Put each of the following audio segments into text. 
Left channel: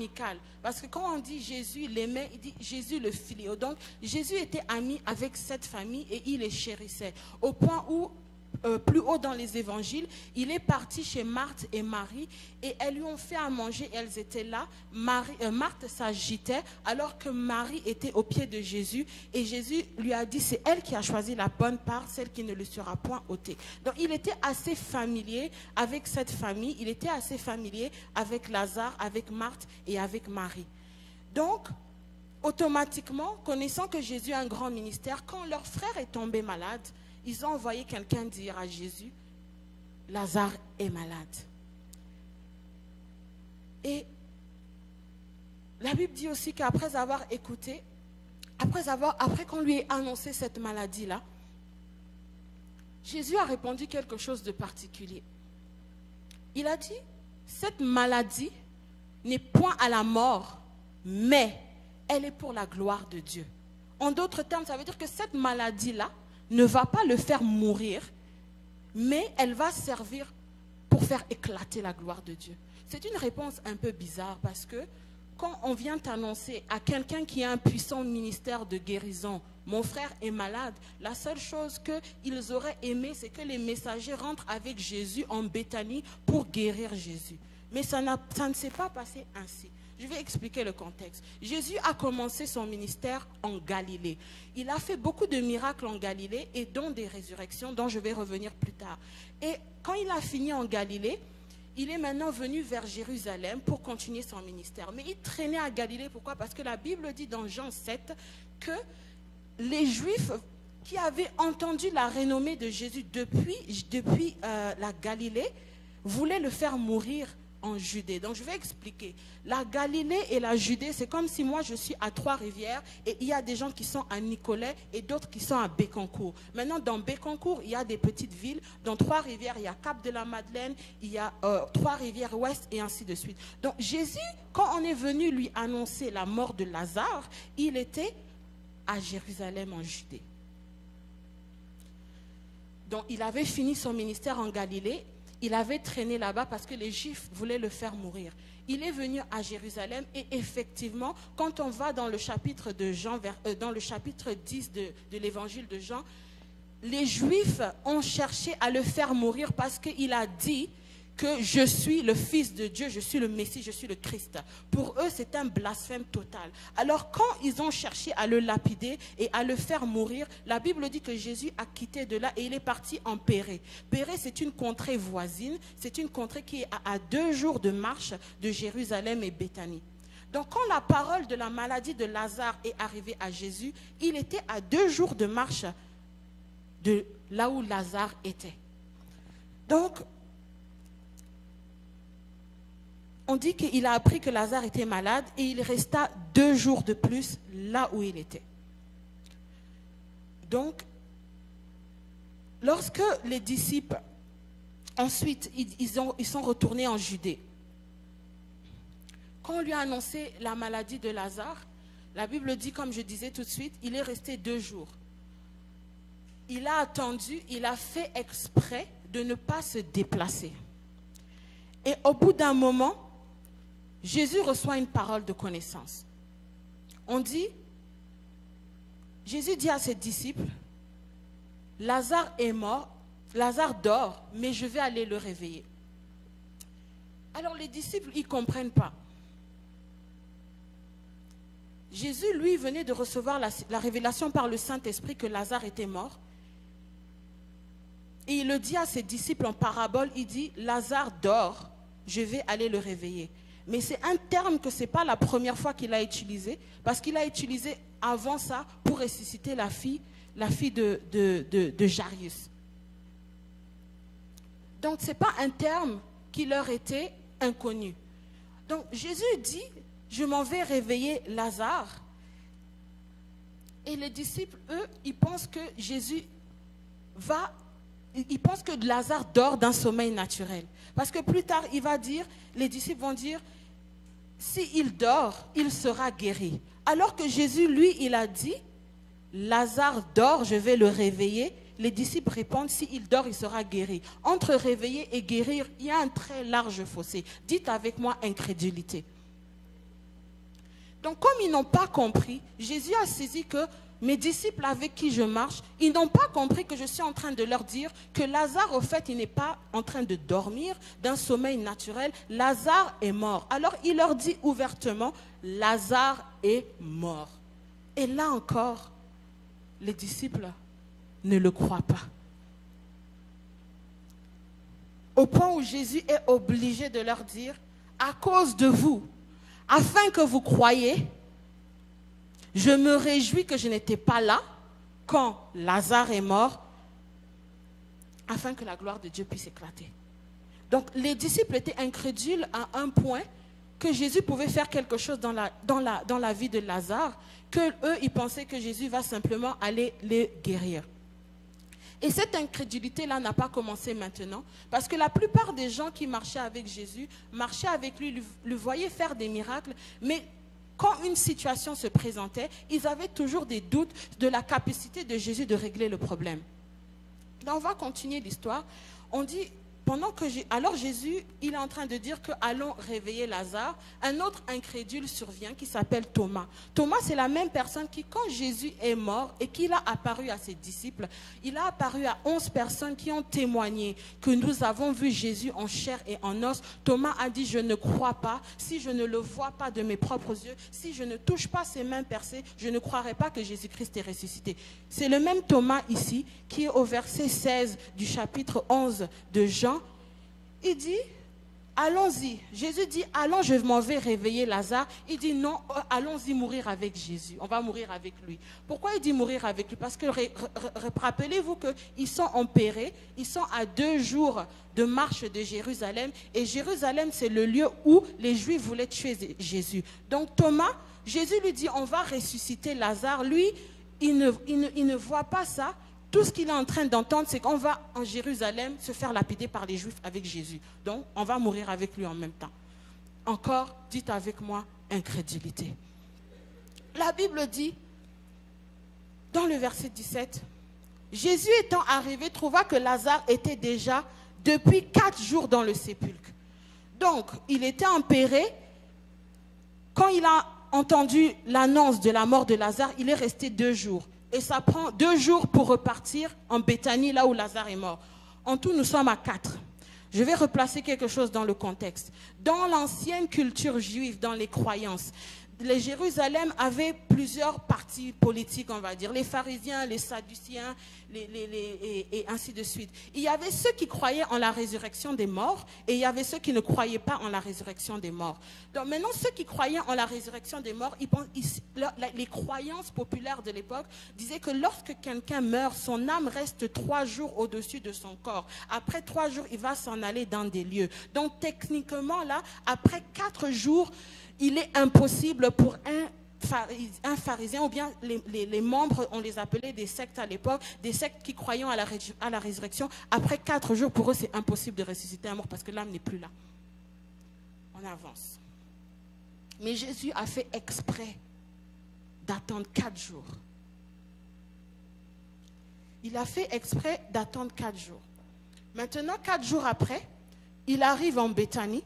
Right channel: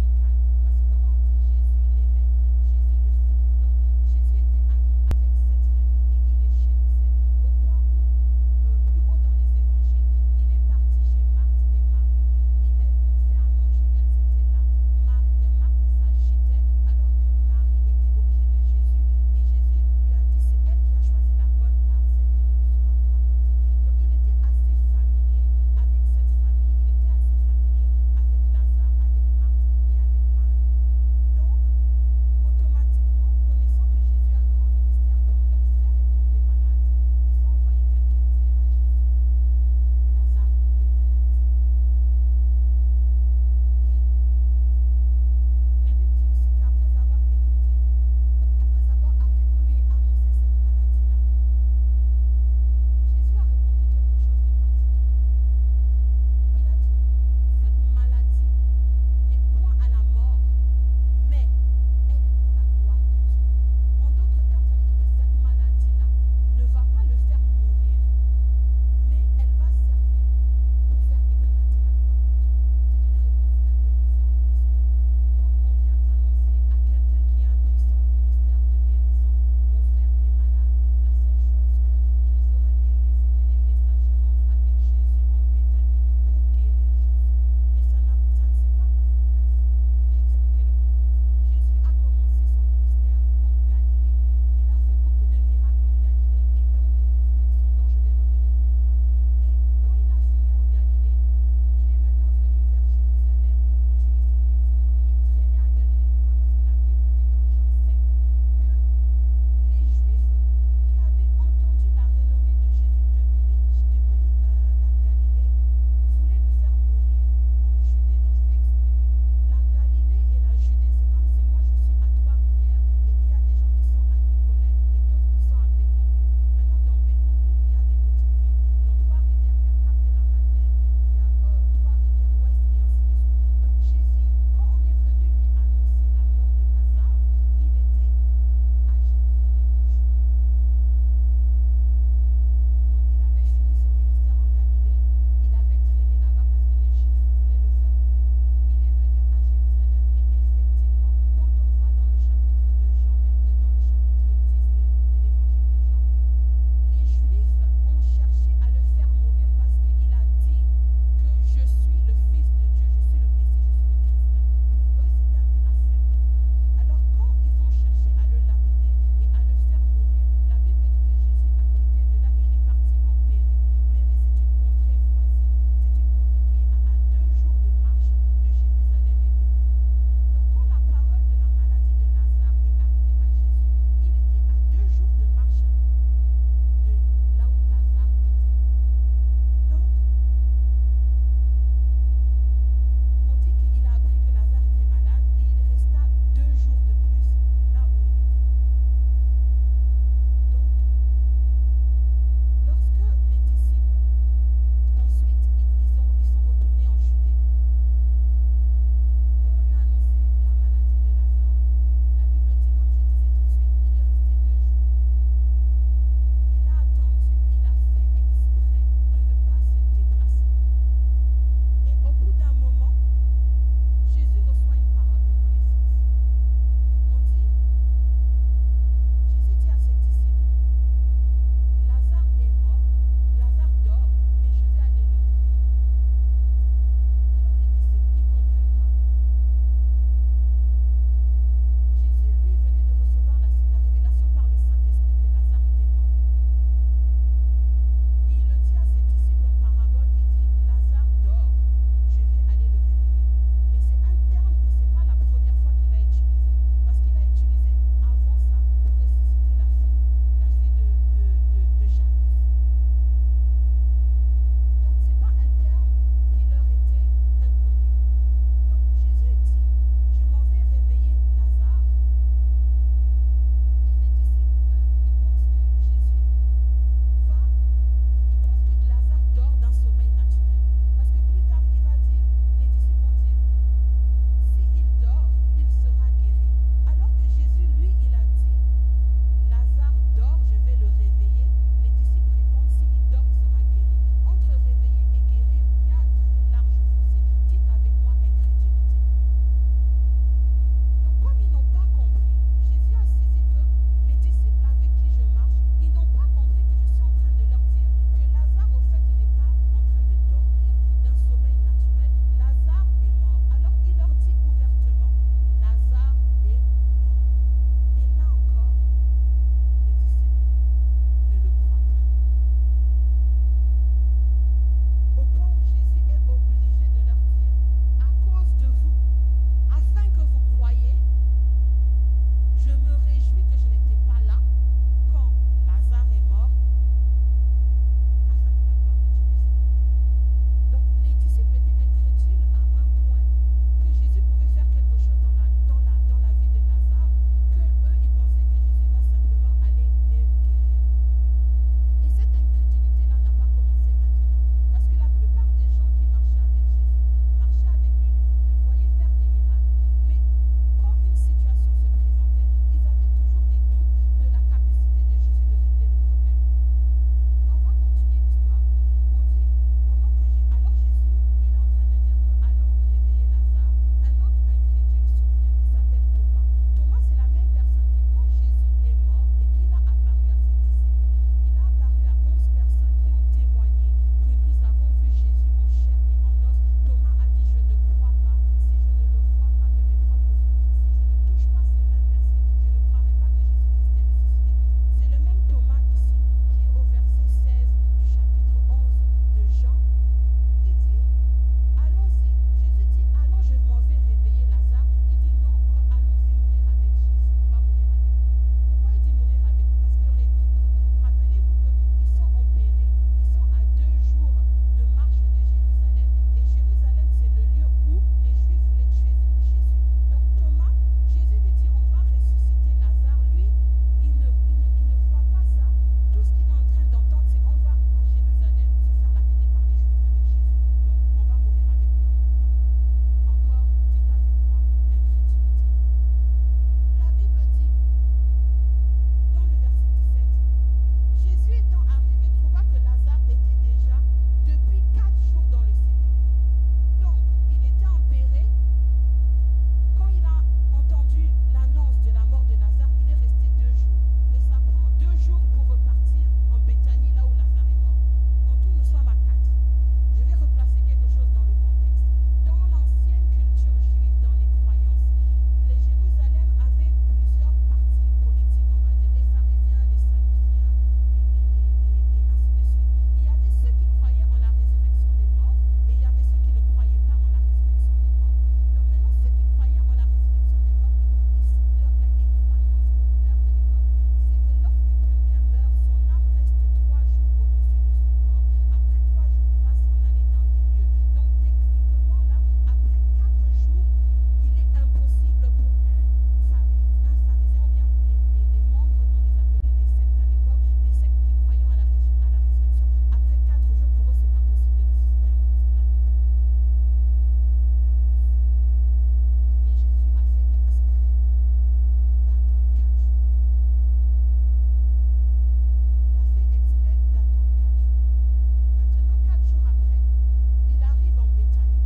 amical. Parce que quand on dit Jésus l'aimait, il dit Jésus le philéo. Donc Jésus était ami avec cette famille et il les chérissait. Au point où, plus haut dans les évangiles, il est parti chez Marthe et Marie et elles lui ont fait à manger et elles étaient là. Marthe s'agitait alors que Marie était au pied de Jésus et Jésus lui a dit c'est elle qui a choisi la bonne part, celle qui ne le sera point ôtée. Donc il était assez familier avec cette famille, il était assez familier avec Lazare, avec Marthe et avec Marie. Donc automatiquement, connaissant que Jésus a un grand ministère, quand leur frère est tombé malade, ils ont envoyé quelqu'un dire à Jésus, Lazare est malade. Et la Bible dit aussi qu'après avoir écouté, après qu'on lui ait annoncé cette maladie-là, Jésus a répondu quelque chose de particulier. Il a dit, cette maladie n'est point à la mort, mais elle est pour la gloire de Dieu. En d'autres termes, ça veut dire que cette maladie-là ne va pas le faire mourir, mais elle va servir pour faire éclater la gloire de Dieu. C'est une réponse un peu bizarre parce que quand on vient t'annoncer à quelqu'un qui a un puissant ministère de guérison, mon frère est malade, la seule chose qu'ils auraient aimé, c'est que les messagers rentrent avec Jésus en Béthanie pour guérir Jésus. Mais ça ne s'est pas passé ainsi. Je vais expliquer le contexte. Jésus a commencé son ministère en Galilée. Il a fait beaucoup de miracles en Galilée et dont des résurrections dont je vais revenir plus tard. Et quand il a fini en Galilée, il est maintenant venu vers Jérusalem pour continuer son ministère. Mais il traînait à Galilée, pourquoi? Parce que la Bible dit dans Jean 7 que les Juifs qui avaient entendu la renommée de Jésus depuis la Galilée voulaient le faire mourir en Judée. Donc je vais expliquer. La Galilée et la Judée, c'est comme si moi je suis à Trois-Rivières et il y a des gens qui sont à Nicolet et d'autres qui sont à Bécancour. Maintenant dans Bécancour, il y a des petites villes. Dans Trois-Rivières, il y a Cap-de-la-Madeleine, il y a Trois-Rivières-Ouest et ainsi de suite. Donc Jésus, quand on est venu lui annoncer la mort de Lazare, il était à Jérusalem en Judée. Donc il avait fini son ministère en Galilée. Il avait traîné là-bas parce que les Juifs voulaient le faire mourir. Il est venu à Jérusalem et effectivement, quand on va dans le chapitre de Jean, dans le chapitre 10 de l'évangile de Jean, les Juifs ont cherché à le faire mourir parce qu'il a dit que je suis le Fils de Dieu, je suis le Messie, je suis le Christ. Pour eux, c'est un blasphème total. Alors quand ils ont cherché à le lapider et à le faire mourir, la Bible dit que Jésus a quitté de là et il est parti en Pérée. Pérée, c'est une contrée voisine, c'est une contrée qui est à 2 jours de marche de Jérusalem et Béthanie. Donc quand la parole de la maladie de Lazare est arrivée à Jésus, il était à 2 jours de marche de là où Lazare était. Donc, on dit qu'il a appris que Lazare était malade et il resta 2 jours de plus là où il était. Donc, lorsque les disciples, ensuite, ils sont retournés en Judée, quand on lui a annoncé la maladie de Lazare, la Bible dit, comme je disais tout de suite, il est resté 2 jours. Il a attendu, il a fait exprès de ne pas se déplacer. Et au bout d'un moment, Jésus reçoit une parole de connaissance. On dit, Jésus dit à ses disciples, Lazare est mort, Lazare dort, mais je vais aller le réveiller. Alors les disciples, ils ne comprennent pas. Jésus, lui, venait de recevoir la révélation par le Saint-Esprit que Lazare était mort. Et il le dit à ses disciples en parabole, il dit, Lazare dort, je vais aller le réveiller. Mais c'est un terme que ce n'est pas la première fois qu'il a utilisé, parce qu'il a utilisé avant ça pour ressusciter la fille de Jairus. Donc ce n'est pas un terme qui leur était inconnu. Donc Jésus dit, je m'en vais réveiller Lazare. Et les disciples, eux, ils pensent que ils pensent que Lazare dort d'un sommeil naturel. Parce que plus tard, il va dire, les disciples vont dire, s'il dort, il sera guéri. Alors que Jésus, lui, il a dit, Lazare dort, je vais le réveiller. Les disciples répondent, s'il dort, il sera guéri. Entre réveiller et guérir, il y a un très large fossé. Dites avec moi incrédulité. comme ils n'ont pas compris, Jésus a saisi que mes disciples avec qui je marche, ils n'ont pas compris que je suis en train de leur dire que Lazare, au fait, il n'est pas en train de dormir d'un sommeil naturel. Lazare est mort. Alors il leur dit ouvertement, Lazare est mort. Et là encore, les disciples ne le croient pas. Au point où Jésus est obligé de leur dire, à cause de vous, afin que vous croyiez, je me réjouis que je n'étais pas là quand Lazare est mort, afin que la gloire de Dieu puisse éclater. Donc les disciples étaient incrédules à un point que Jésus pouvait faire quelque chose dans la vie de Lazare, que eux ils pensaient que Jésus va simplement aller les guérir. Et cette incrédulité-là n'a pas commencé maintenant, parce que la plupart des gens qui marchaient avec Jésus, marchaient avec lui, le voyaient faire des miracles, mais quand une situation se présentait, ils avaient toujours des doutes de la capacité de Jésus de régler le problème. Donc on va continuer l'histoire. On dit, alors Jésus, il est en train de dire que allons réveiller Lazare. Un autre incrédule survient qui s'appelle Thomas. Thomas, c'est la même personne qui, quand Jésus est mort et qu'il a apparu à ses disciples, il a apparu à 11 personnes qui ont témoigné que nous avons vu Jésus en chair et en os. Thomas a dit, je ne crois pas. Si je ne le vois pas de mes propres yeux, si je ne touche pas ses mains percées, je ne croirai pas que Jésus-Christ est ressuscité. C'est le même Thomas ici qui est au verset 16 du chapitre 11 de Jean. Il dit, allons-y. Jésus dit, allons, je m'en vais réveiller Lazare. Il dit, non, allons-y mourir avec Jésus. On va mourir avec lui. Pourquoi il dit mourir avec lui? Parce que rappelez-vous qu'ils sont en Pérée, ils sont à 2 jours de marche de Jérusalem. Et Jérusalem, c'est le lieu où les Juifs voulaient tuer Jésus. Donc Thomas, Jésus lui dit, on va ressusciter Lazare. Lui, il ne voit pas ça. Tout ce qu'il est en train d'entendre, c'est qu'on va en Jérusalem se faire lapider par les Juifs avec Jésus. Donc, on va mourir avec lui en même temps. Encore, dites avec moi, incrédulité. La Bible dit, dans le verset 17, Jésus étant arrivé, trouva que Lazare était déjà depuis 4 jours dans le sépulcre. Donc, il était en Pérée. Quand il a entendu l'annonce de la mort de Lazare, il est resté 2 jours. Et ça prend 2 jours pour repartir en Béthanie, là où Lazare est mort. En tout, nous sommes à 4. Je vais replacer quelque chose dans le contexte. Dans l'ancienne culture juive, dans les croyances, les Jérusalem avait plusieurs partis politiques, on va dire. Les pharisiens, les sadduciens, et ainsi de suite. Il y avait ceux qui croyaient en la résurrection des morts et il y avait ceux qui ne croyaient pas en la résurrection des morts. Donc maintenant, ceux qui croyaient en la résurrection des morts, les croyances populaires de l'époque disaient que lorsque quelqu'un meurt, son âme reste 3 jours au-dessus de son corps. Après 3 jours, il va s'en aller dans des lieux. Donc techniquement, là, après 4 jours, il est impossible pour un pharisien, ou bien les membres, on les appelait des sectes à l'époque, des sectes qui croyaient à la résurrection. Après 4 jours, pour eux, c'est impossible de ressusciter un mort parce que l'âme n'est plus là. On avance. Mais Jésus a fait exprès d'attendre 4 jours. Il a fait exprès d'attendre 4 jours. Maintenant, 4 jours après, il arrive en Béthanie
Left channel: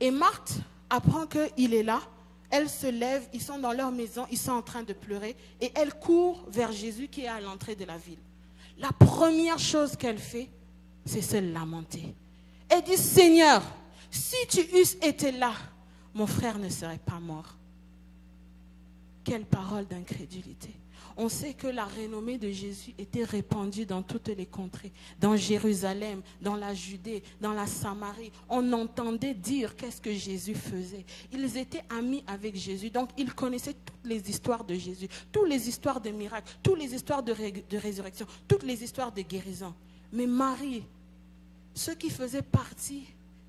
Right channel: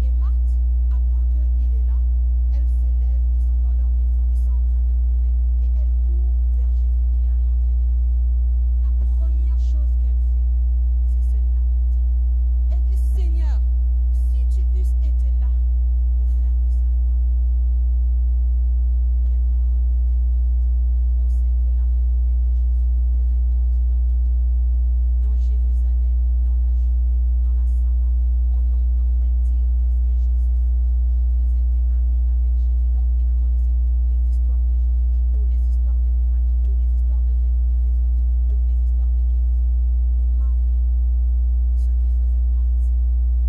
et Marthe apprend qu'il est là. Elle se lève, ils sont dans leur maison, ils sont en train de pleurer et elle court vers Jésus qui est à l'entrée de la ville. La première chose qu'elle fait, c'est se lamenter. Elle dit, Seigneur, si tu eusses été là, mon frère ne serait pas mort. Quelle parole d'incrédulité. On sait que la renommée de Jésus était répandue dans toutes les contrées, dans Jérusalem, dans la Judée, dans la Samarie. On entendait dire qu'est-ce que Jésus faisait. Ils étaient amis avec Jésus, donc ils connaissaient toutes les histoires de Jésus, toutes les histoires de miracles, toutes les histoires de résurrection, toutes les histoires de guérison. Mais Marie, ceux qui faisaient partie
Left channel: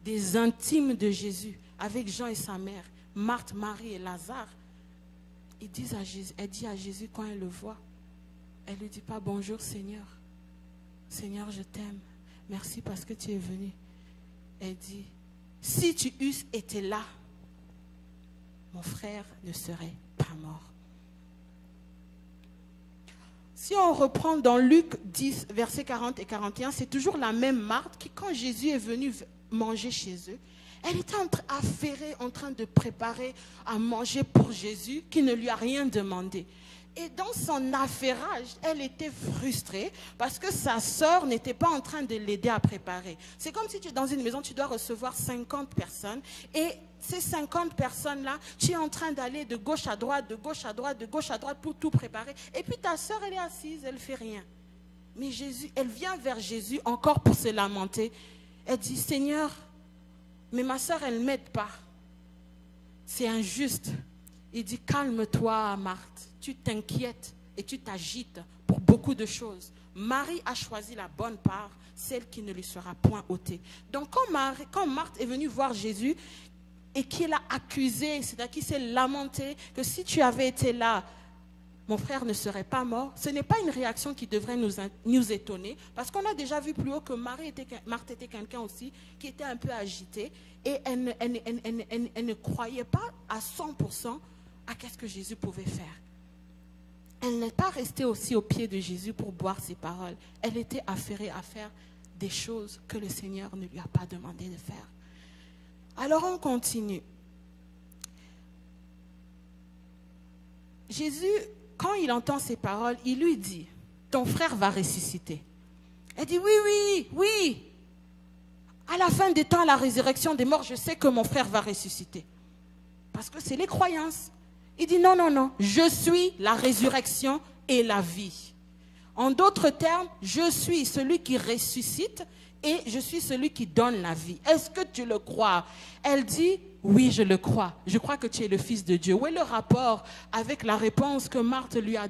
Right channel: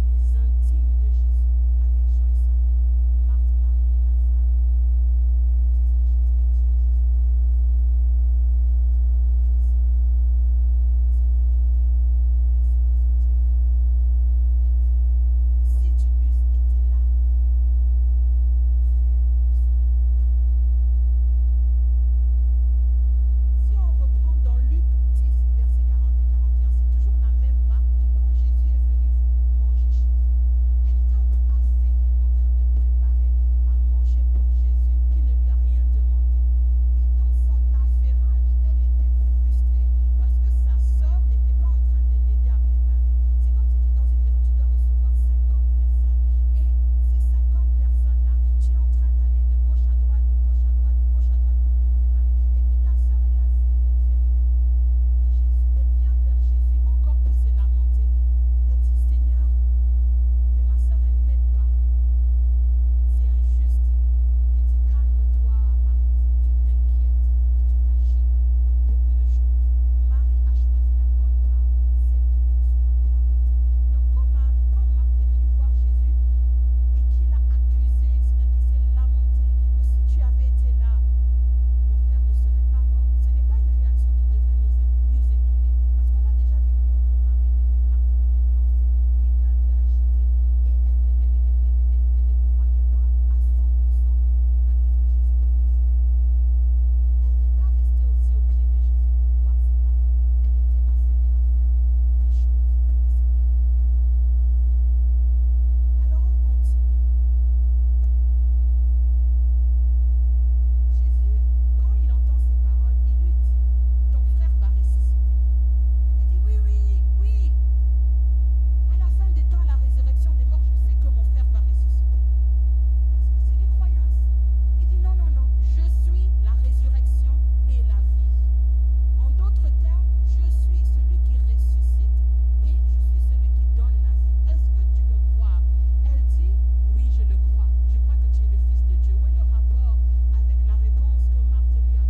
des intimes de Jésus, avec Jean et sa mère, Marthe, Marie et Lazare, elle dit à Jésus quand elle le voit, elle ne lui dit pas bonjour Seigneur, Seigneur je t'aime, merci parce que tu es venu. Elle dit, si tu eusses été là, mon frère ne serait pas mort. Si on reprend dans Luc 10, versets 40 et 41, c'est toujours la même Marthe qui, quand Jésus est venu manger chez eux, elle était affairée, en train de préparer à manger. manger pour Jésus qui ne lui a rien demandé. Et dans son affairage, elle était frustrée parce que sa sœur n'était pas en train de l'aider à préparer. C'est comme si tu es dans une maison, tu dois recevoir 50 personnes et ces 50 personnes-là, tu es en train d'aller de gauche à droite, de gauche à droite, de gauche à droite pour tout préparer. Et puis ta sœur, elle est assise, elle ne fait rien. Mais Jésus, elle vient vers Jésus encore pour se lamenter. Elle dit, Seigneur, mais ma sœur, elle ne m'aide pas. C'est injuste. Il dit, calme-toi, Marthe. Tu t'inquiètes et tu t'agites pour beaucoup de choses. Marie a choisi la bonne part, celle qui ne lui sera point ôtée. Donc quand Marthe est venue voir Jésus et qu'il l'a accusé, c'est-à-dire qu'il s'est lamenté que si tu avais été là, mon frère ne serait pas mort, ce n'est pas une réaction qui devrait nous étonner, parce qu'on a déjà vu plus haut que Marthe était quelqu'un aussi qui était un peu agité et elle ne croyait pas à 100% à qu'est-ce que Jésus pouvait faire. Elle n'est pas restée aussi au pied de Jésus pour boire ses paroles. Elle était affairée à faire des choses que le Seigneur ne lui a pas demandé de faire. Alors on continue. Jésus, quand il entend ces paroles, il lui dit, ton frère va ressusciter. Elle dit, oui. À la fin des temps, à la résurrection des morts, je sais que mon frère va ressusciter. Parce que c'est les croyances. Il dit non, je suis la résurrection et la vie. En d'autres termes, je suis celui qui ressuscite et je suis celui qui donne la vie. Est-ce que tu le crois? Elle dit, oui, je le crois. Je crois que tu es le Fils de Dieu. Où est le rapport avec la réponse que Marthe lui a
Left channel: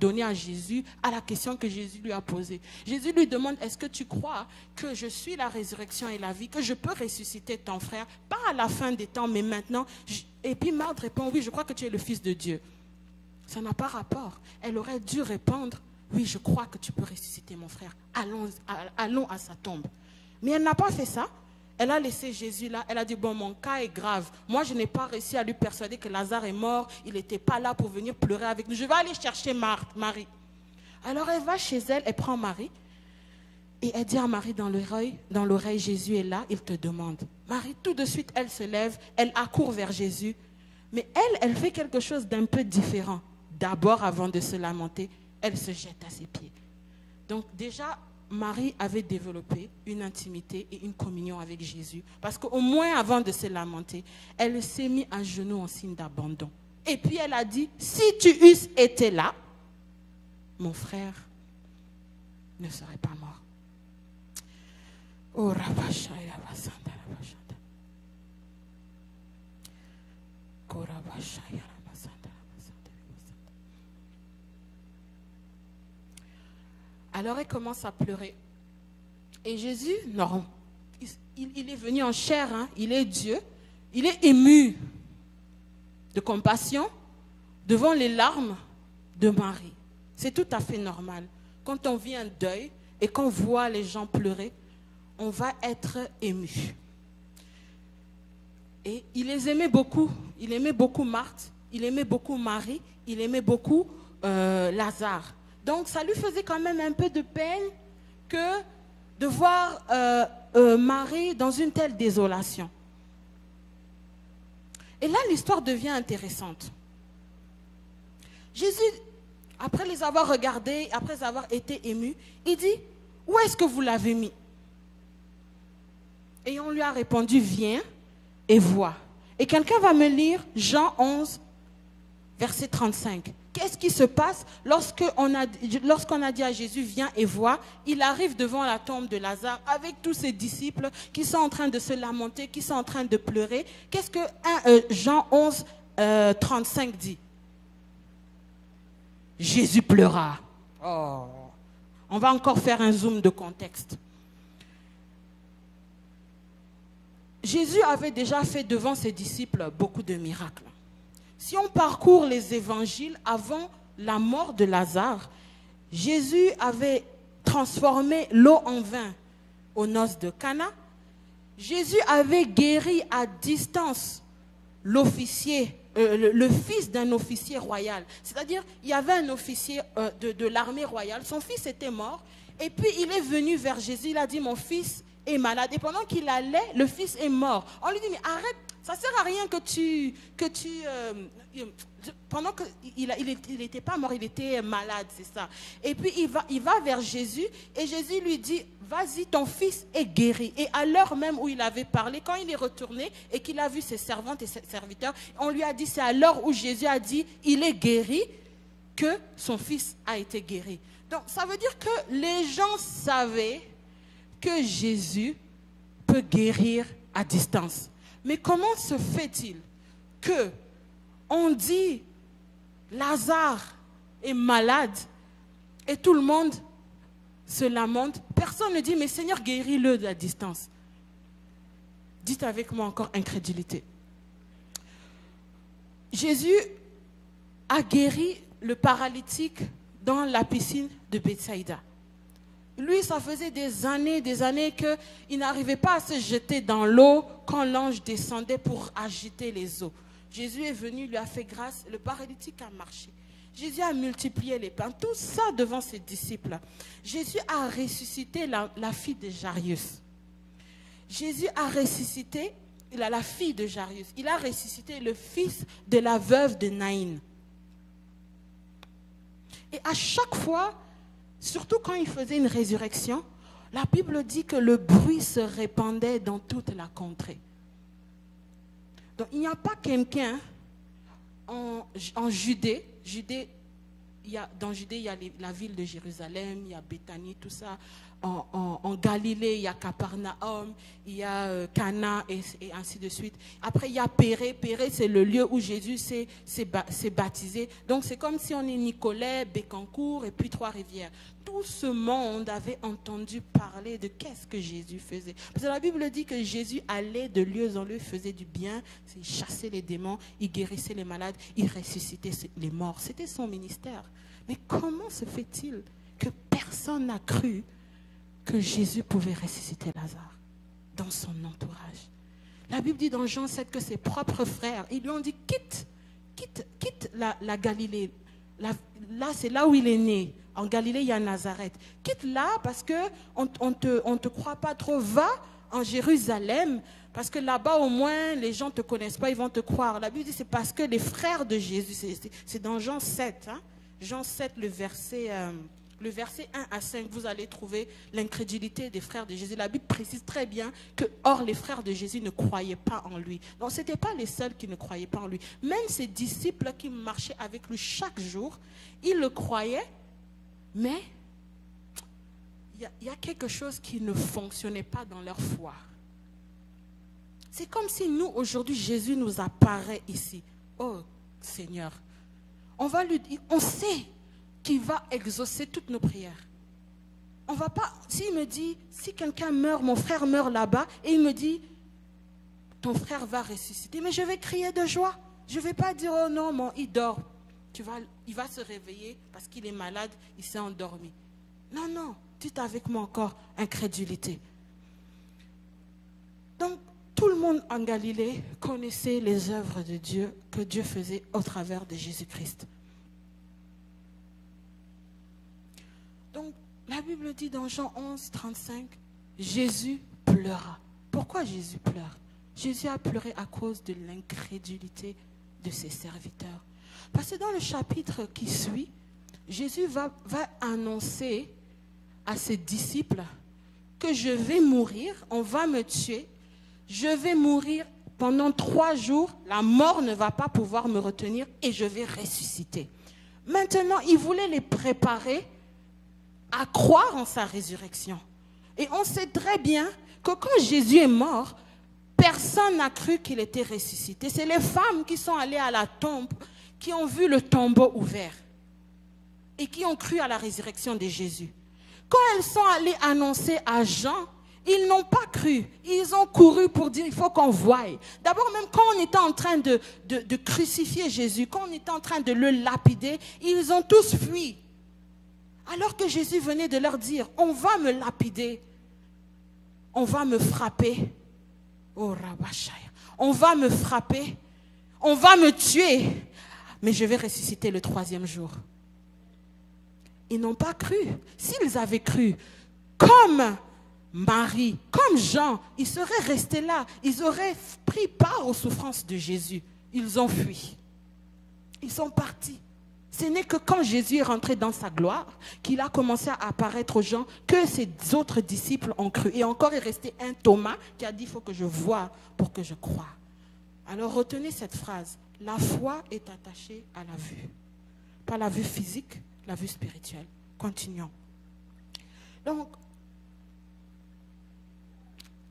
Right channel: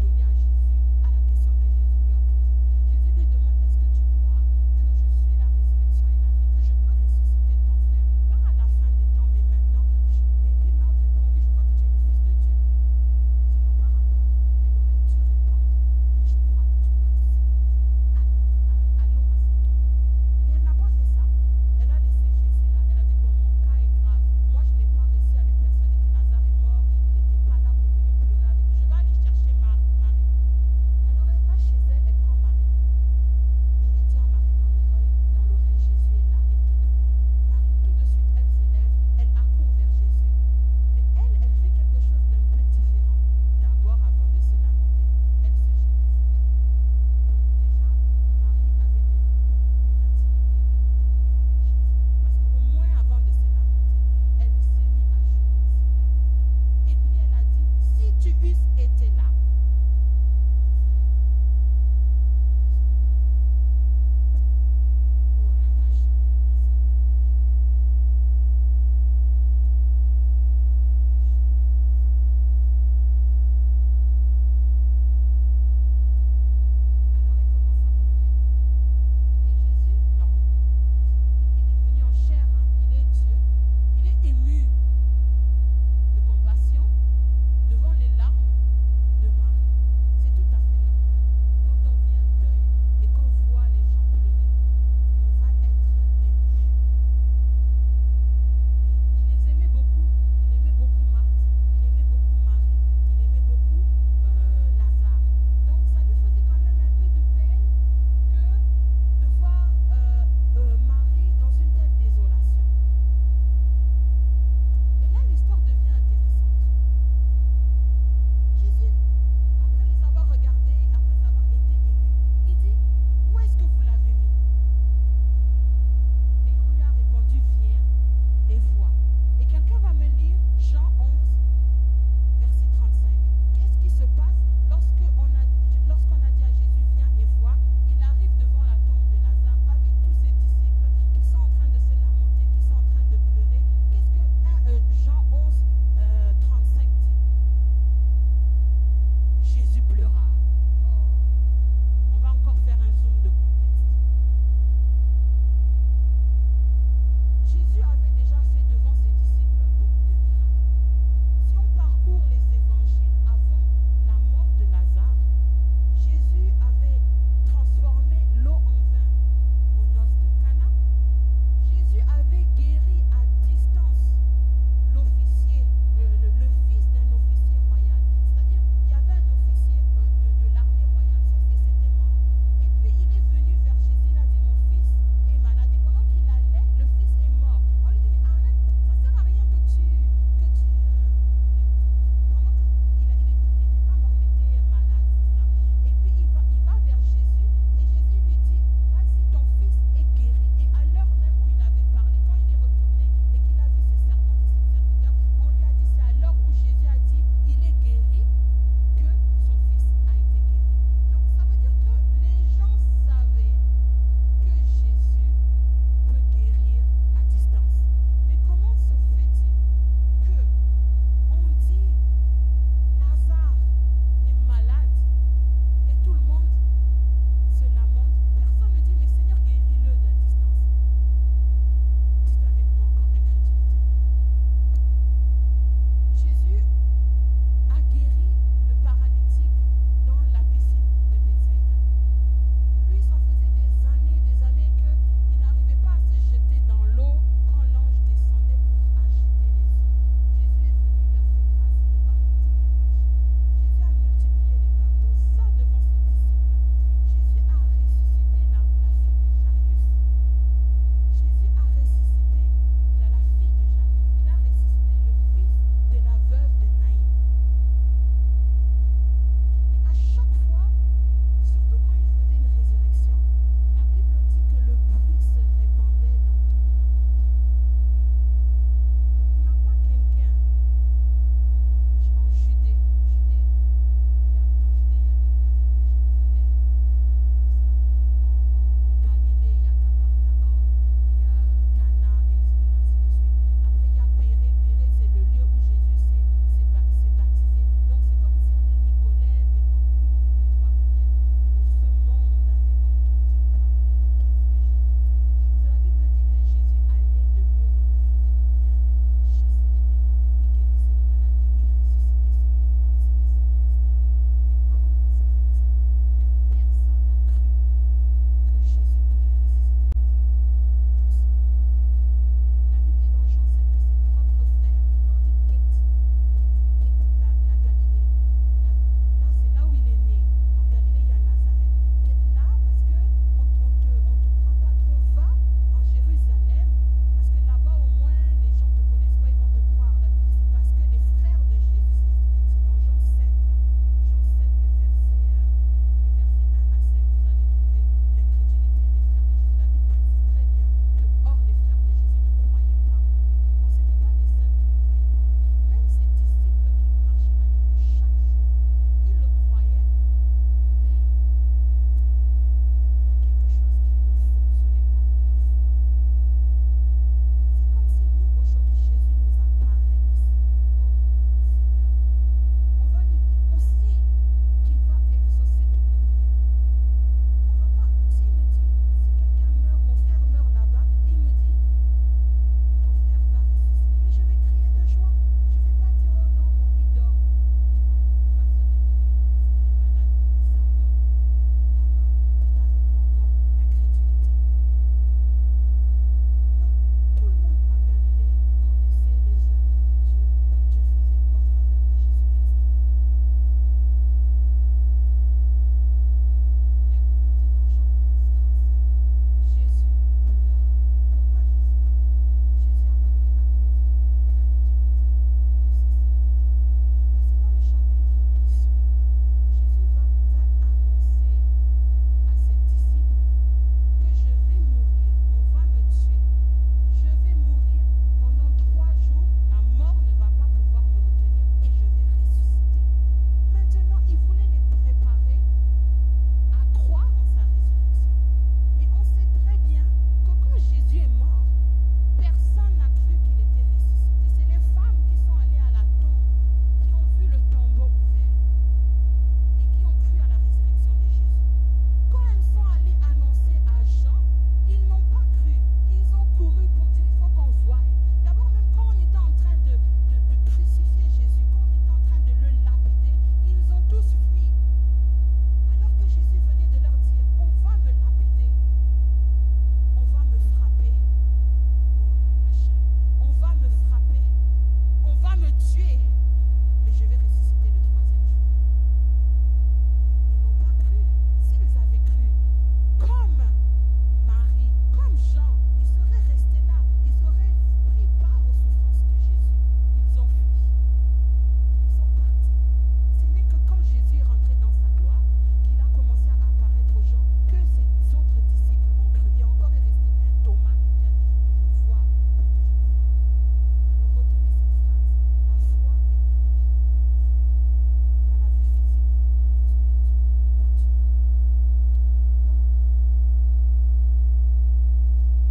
donnée à Jésus à la question que Jésus lui a posée? Jésus lui demande, est-ce que tu crois que je suis la résurrection et la vie, que je peux ressusciter ton frère, pas à la fin des temps, mais maintenant? Et puis Marthe répond, oui, je crois que tu es le Fils de Dieu. Ça n'a pas rapport. Elle aurait dû répondre, oui, je crois que tu peux ressusciter mon frère. Allons à sa tombe. Mais elle n'a pas fait ça. Elle a laissé Jésus là. Elle a dit, bon, mon cas est grave. Moi, je n'ai pas réussi à lui persuader que Lazare est mort. Il n'était pas là pour venir pleurer avec nous. Je vais aller chercher Marie. Alors, elle va chez elle, elle prend Marie. Et elle dit à Marie dans l'oreille, Jésus est là, il te demande. Marie, tout de suite, elle se lève, elle accourt vers Jésus. Mais elle fait quelque chose d'un peu différent. D'abord, avant de se lamenter, elle se jette à ses pieds. Donc déjà, Marie avait développé une intimité et une communion avec Jésus. Parce qu'au moins avant de se lamenter, elle s'est mise à genoux en signe d'abandon. Et puis elle a dit, si tu eusses été là, mon frère ne serait pas mort. Oh, alors elle commence à pleurer. Et Jésus, non, il est venu en chair, hein, il est Dieu, il est ému de compassion devant les larmes de Marie. C'est tout à fait normal. Quand on vit un deuil et qu'on voit les gens pleurer, on va être ému. Et il les aimait beaucoup. Il aimait beaucoup Marthe, il aimait beaucoup Marie, il aimait beaucoup Lazare. Donc ça lui faisait quand même un peu de peine que de voir Marie dans une telle désolation. Et là, l'histoire devient intéressante. Jésus, après les avoir regardés, après avoir été ému, il dit, où est-ce que vous l'avez mis? Et on lui a répondu, viens et vois. Et quelqu'un va me lire Jean 11, verset 35. Qu'est-ce qui se passe lorsqu'on a dit à Jésus, viens et vois? Il arrive devant la tombe de Lazare avec tous ses disciples qui sont en train de se lamenter, qui sont en train de pleurer. Qu'est-ce que Jean 11, 35 dit? Jésus pleura. Oh. On va encore faire un zoom de contexte. Jésus avait déjà fait devant ses disciples beaucoup de miracles. Si on parcourt les évangiles avant la mort de Lazare, Jésus avait transformé l'eau en vin aux noces de Cana. Jésus avait guéri à distance l'officier, le fils d'un officier royal. C'est-à-dire, il y avait un officier de l'armée royale. Son fils était mort. Et puis, il est venu vers Jésus. Il a dit, mon fils est malade. Et pendant qu'il allait, le fils est mort. On lui dit, mais arrête, Ça ne sert à rien que tu pendant qu'il n'était pas mort, il était malade, c'est ça. Et puis il va vers Jésus et Jésus lui dit, vas-y, ton fils est guéri. Et à l'heure même où il avait parlé, quand il est retourné et qu'il a vu ses servantes et ses serviteurs, on lui a dit, c'est à l'heure où Jésus a dit, il est guéri, que son fils a été guéri. Donc ça veut dire que les gens savaient que Jésus peut guérir à distance. Mais comment se fait-il que on dit Lazare est malade et tout le monde se lamente? Personne ne dit mais Seigneur, guéris-le à distance. Dites avec moi encore incrédulité. Jésus a guéri le paralytique dans la piscine de Bethsaïda. Lui, ça faisait des années qu'il n'arrivait pas à se jeter dans l'eau quand l'ange descendait pour agiter les eaux. Jésus est venu, lui a fait grâce, le paralytique a marché. Jésus a multiplié les pains, tout ça devant ses disciples. Jésus a ressuscité la fille de Jairus. Jésus a ressuscité la fille de Jairus. Il a ressuscité le fils de la veuve de Naïn. Et à chaque fois, surtout quand il faisait une résurrection, la Bible dit que le bruit se répandait dans toute la contrée. Donc il n'y a pas quelqu'un en Judée. Dans Judée, il y a la ville de Jérusalem, il y a Béthanie, tout ça. En Galilée, il y a Capernaum, il y a Cana et ainsi de suite. Après, il y a Pérée. Pérée, c'est le lieu où Jésus s'est baptisé. Donc, c'est comme si on est Nicolet, Bécancour et puis Trois-Rivières. Tout ce monde avait entendu parler de qu'est-ce que Jésus faisait. Parce que la Bible dit que Jésus allait de lieu en lieu, faisait du bien, il chassait les démons, il guérissait les malades, il ressuscitait les morts. C'était son ministère. Mais comment se fait-il que personne n'a cru que Jésus pouvait ressusciter Lazare dans son entourage? La Bible dit dans Jean 7 que ses propres frères, ils lui ont dit quitte la Galilée. Là, c'est là où il est né. En Galilée, il y a Nazareth. Quitte là parce qu'on ne te croit pas trop. Va en Jérusalem parce que là-bas, au moins, les gens ne te connaissent pas, ils vont te croire. La Bible dit c'est parce que les frères de Jésus, c'est dans Jean 7. Hein? Jean 7, le verset 1 à 5, vous allez trouver l'incrédulité des frères de Jésus. La Bible précise très bien que, or, les frères de Jésus ne croyaient pas en lui. Donc, ce n'étaient pas les seuls qui ne croyaient pas en lui. Même ses disciples qui marchaient avec lui chaque jour, ils le croyaient, mais il y a quelque chose qui ne fonctionnait pas dans leur foi. C'est comme si nous, aujourd'hui, Jésus nous apparaît ici. Oh, Seigneur, on va lui dire, on sait qu'il va exaucer toutes nos prières. On va pas, s'il me dit, si quelqu'un meurt, mon frère meurt là-bas, et il me dit, ton frère va ressusciter, mais je vais crier de joie. Je ne vais pas dire, oh non, il dort. Il va se réveiller parce qu'il est malade, il s'est endormi. Non, dites avec moi encore, incrédulité. Donc, tout le monde en Galilée connaissait les œuvres de Dieu que Dieu faisait au travers de Jésus-Christ. Donc, la Bible dit dans Jean 11, 35, Jésus pleura. Pourquoi Jésus pleure? Jésus a pleuré à cause de l'incrédulité de ses serviteurs. Parce que dans le chapitre qui suit, Jésus va annoncer à ses disciples que je vais mourir, on va me tuer, je vais mourir pendant 3 jours, la mort ne va pas pouvoir me retenir et je vais ressusciter. Maintenant, il voulait les préparer à croire en sa résurrection. Et on sait très bien que quand Jésus est mort, personne n'a cru qu'il était ressuscité. C'est les femmes qui sont allées à la tombe, qui ont vu le tombeau ouvert et qui ont cru à la résurrection de Jésus. Quand elles sont allées annoncer à Jean, ils n'ont pas cru. Ils ont couru pour dire, il faut qu'on voie. D'abord, même quand on était en train de crucifier Jésus, quand on était en train de le lapider, ils ont tous fui. Alors que Jésus venait de leur dire, on va me lapider, on va me frapper. Oh, Rabashaya. On va me frapper, on va me tuer, mais je vais ressusciter le 3e jour. Ils n'ont pas cru. S'ils avaient cru, comme Marie, comme Jean, ils seraient restés là. Ils auraient pris part aux souffrances de Jésus. Ils ont fui. Ils sont partis. Ce n'est que quand Jésus est rentré dans sa gloire qu'il a commencé à apparaître aux gens, que ses autres disciples ont cru. Et encore est resté un Thomas qui a dit, il faut que je voie pour que je croie. Alors retenez cette phrase. La foi est attachée à la vue. Pas la vue physique, la vue spirituelle. Continuons. Donc,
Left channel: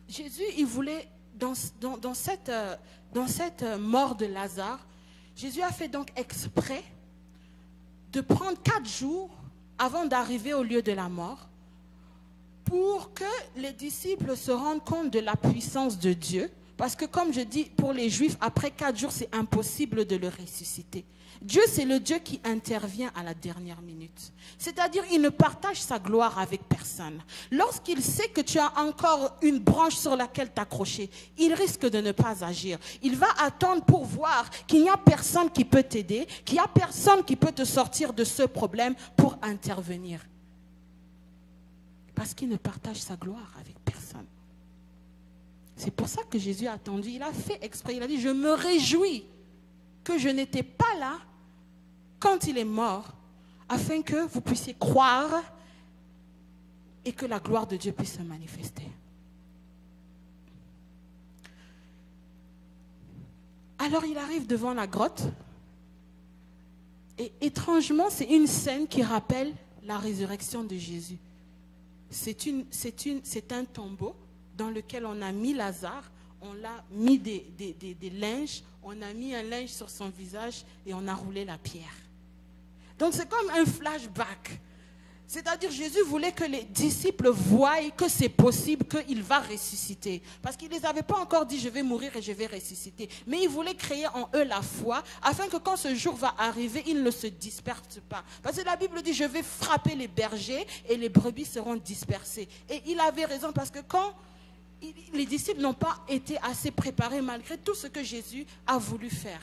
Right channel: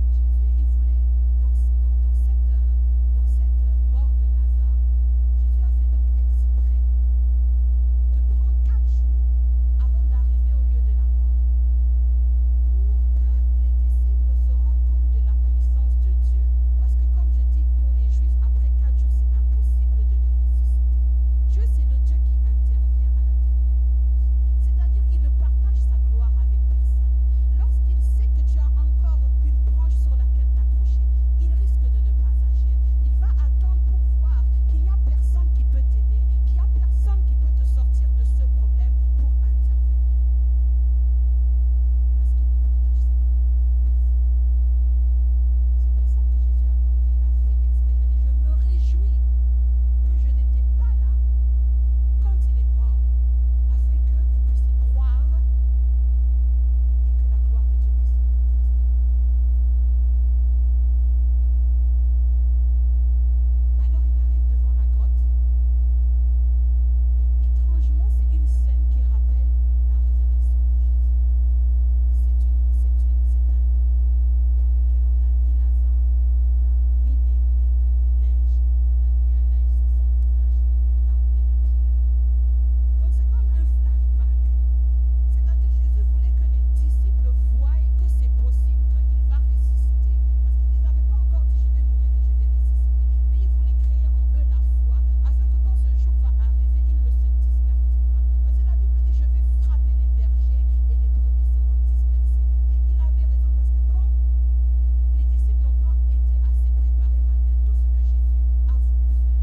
Jésus, il voulait, dans cette mort de Lazare, Jésus a fait donc exprès de prendre 4 jours avant d'arriver au lieu de la mort pour que les disciples se rendent compte de la puissance de Dieu. Parce que comme je dis, pour les Juifs, après 4 jours, c'est impossible de le ressusciter. Dieu, c'est le Dieu qui intervient à la dernière minute. C'est-à-dire, il ne partage sa gloire avec personne. Lorsqu'il sait que tu as encore une branche sur laquelle t'accrocher, il risque de ne pas agir. Il va attendre pour voir qu'il n'y a personne qui peut t'aider, qu'il n'y a personne qui peut te sortir de ce problème pour intervenir. Parce qu'il ne partage sa gloire avec personne. C'est pour ça que Jésus a attendu. Il a fait exprès. Il a dit, je me réjouis que je n'étais pas là quand il est mort, afin que vous puissiez croire et que la gloire de Dieu puisse se manifester. Alors il arrive devant la grotte et étrangement, c'est une scène qui rappelle la résurrection de Jésus. C'est un tombeau dans lequel on a mis Lazare, on l'a mis des linges, on a mis un linge sur son visage et on a roulé la pierre. Donc c'est comme un flashback. C'est-à-dire Jésus voulait que les disciples voient que c'est possible, qu'il va ressusciter. Parce qu'il ne les avait pas encore dit je vais mourir et je vais ressusciter. Mais il voulait créer en eux la foi afin que quand ce jour va arriver, ils ne se dispersent pas. Parce que la Bible dit je vais frapper les bergers et les brebis seront dispersées. Et il avait raison parce que quand les disciples n'ont pas été assez préparés malgré tout ce que Jésus a voulu faire.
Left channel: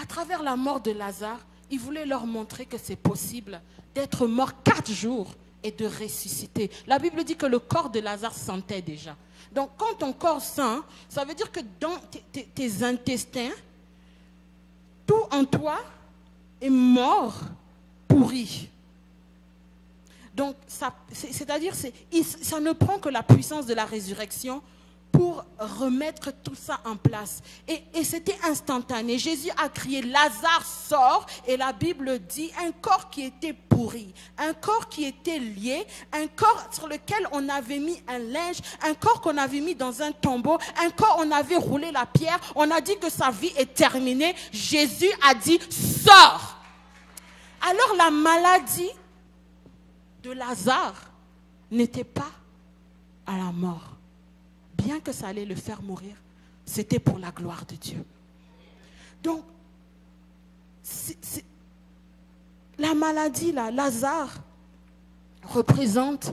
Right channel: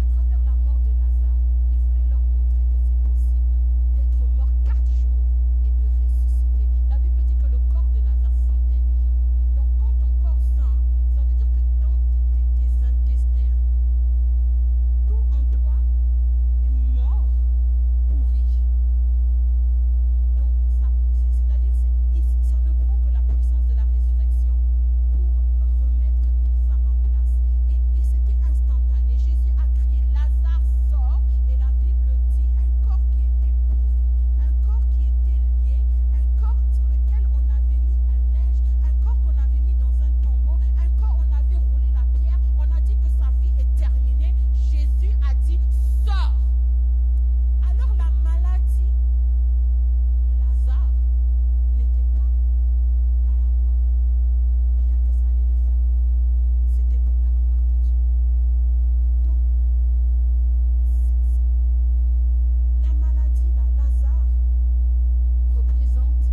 À travers la mort de Lazare, il voulait leur montrer que c'est possible d'être mort 4 jours et de ressusciter. La Bible dit que le corps de Lazare sentait déjà. Donc quand ton corps sent, ça veut dire que dans tes intestins, tout en toi est mort, pourri. Donc c'est-à-dire ça ne prend que la puissance de la résurrection pour remettre tout ça en place. Et c'était instantané. Jésus a crié, Lazare sort, et la Bible dit un corps qui était pourri, un corps qui était lié, un corps sur lequel on avait mis un linge, un corps qu'on avait mis dans un tombeau, un corps on avait roulé la pierre, on a dit que sa vie est terminée. Jésus a dit, sors. Alors la maladie de Lazare n'était pas à la mort. Bien que ça allait le faire mourir, c'était pour la gloire de Dieu. Donc, la maladie, là, Lazare, représente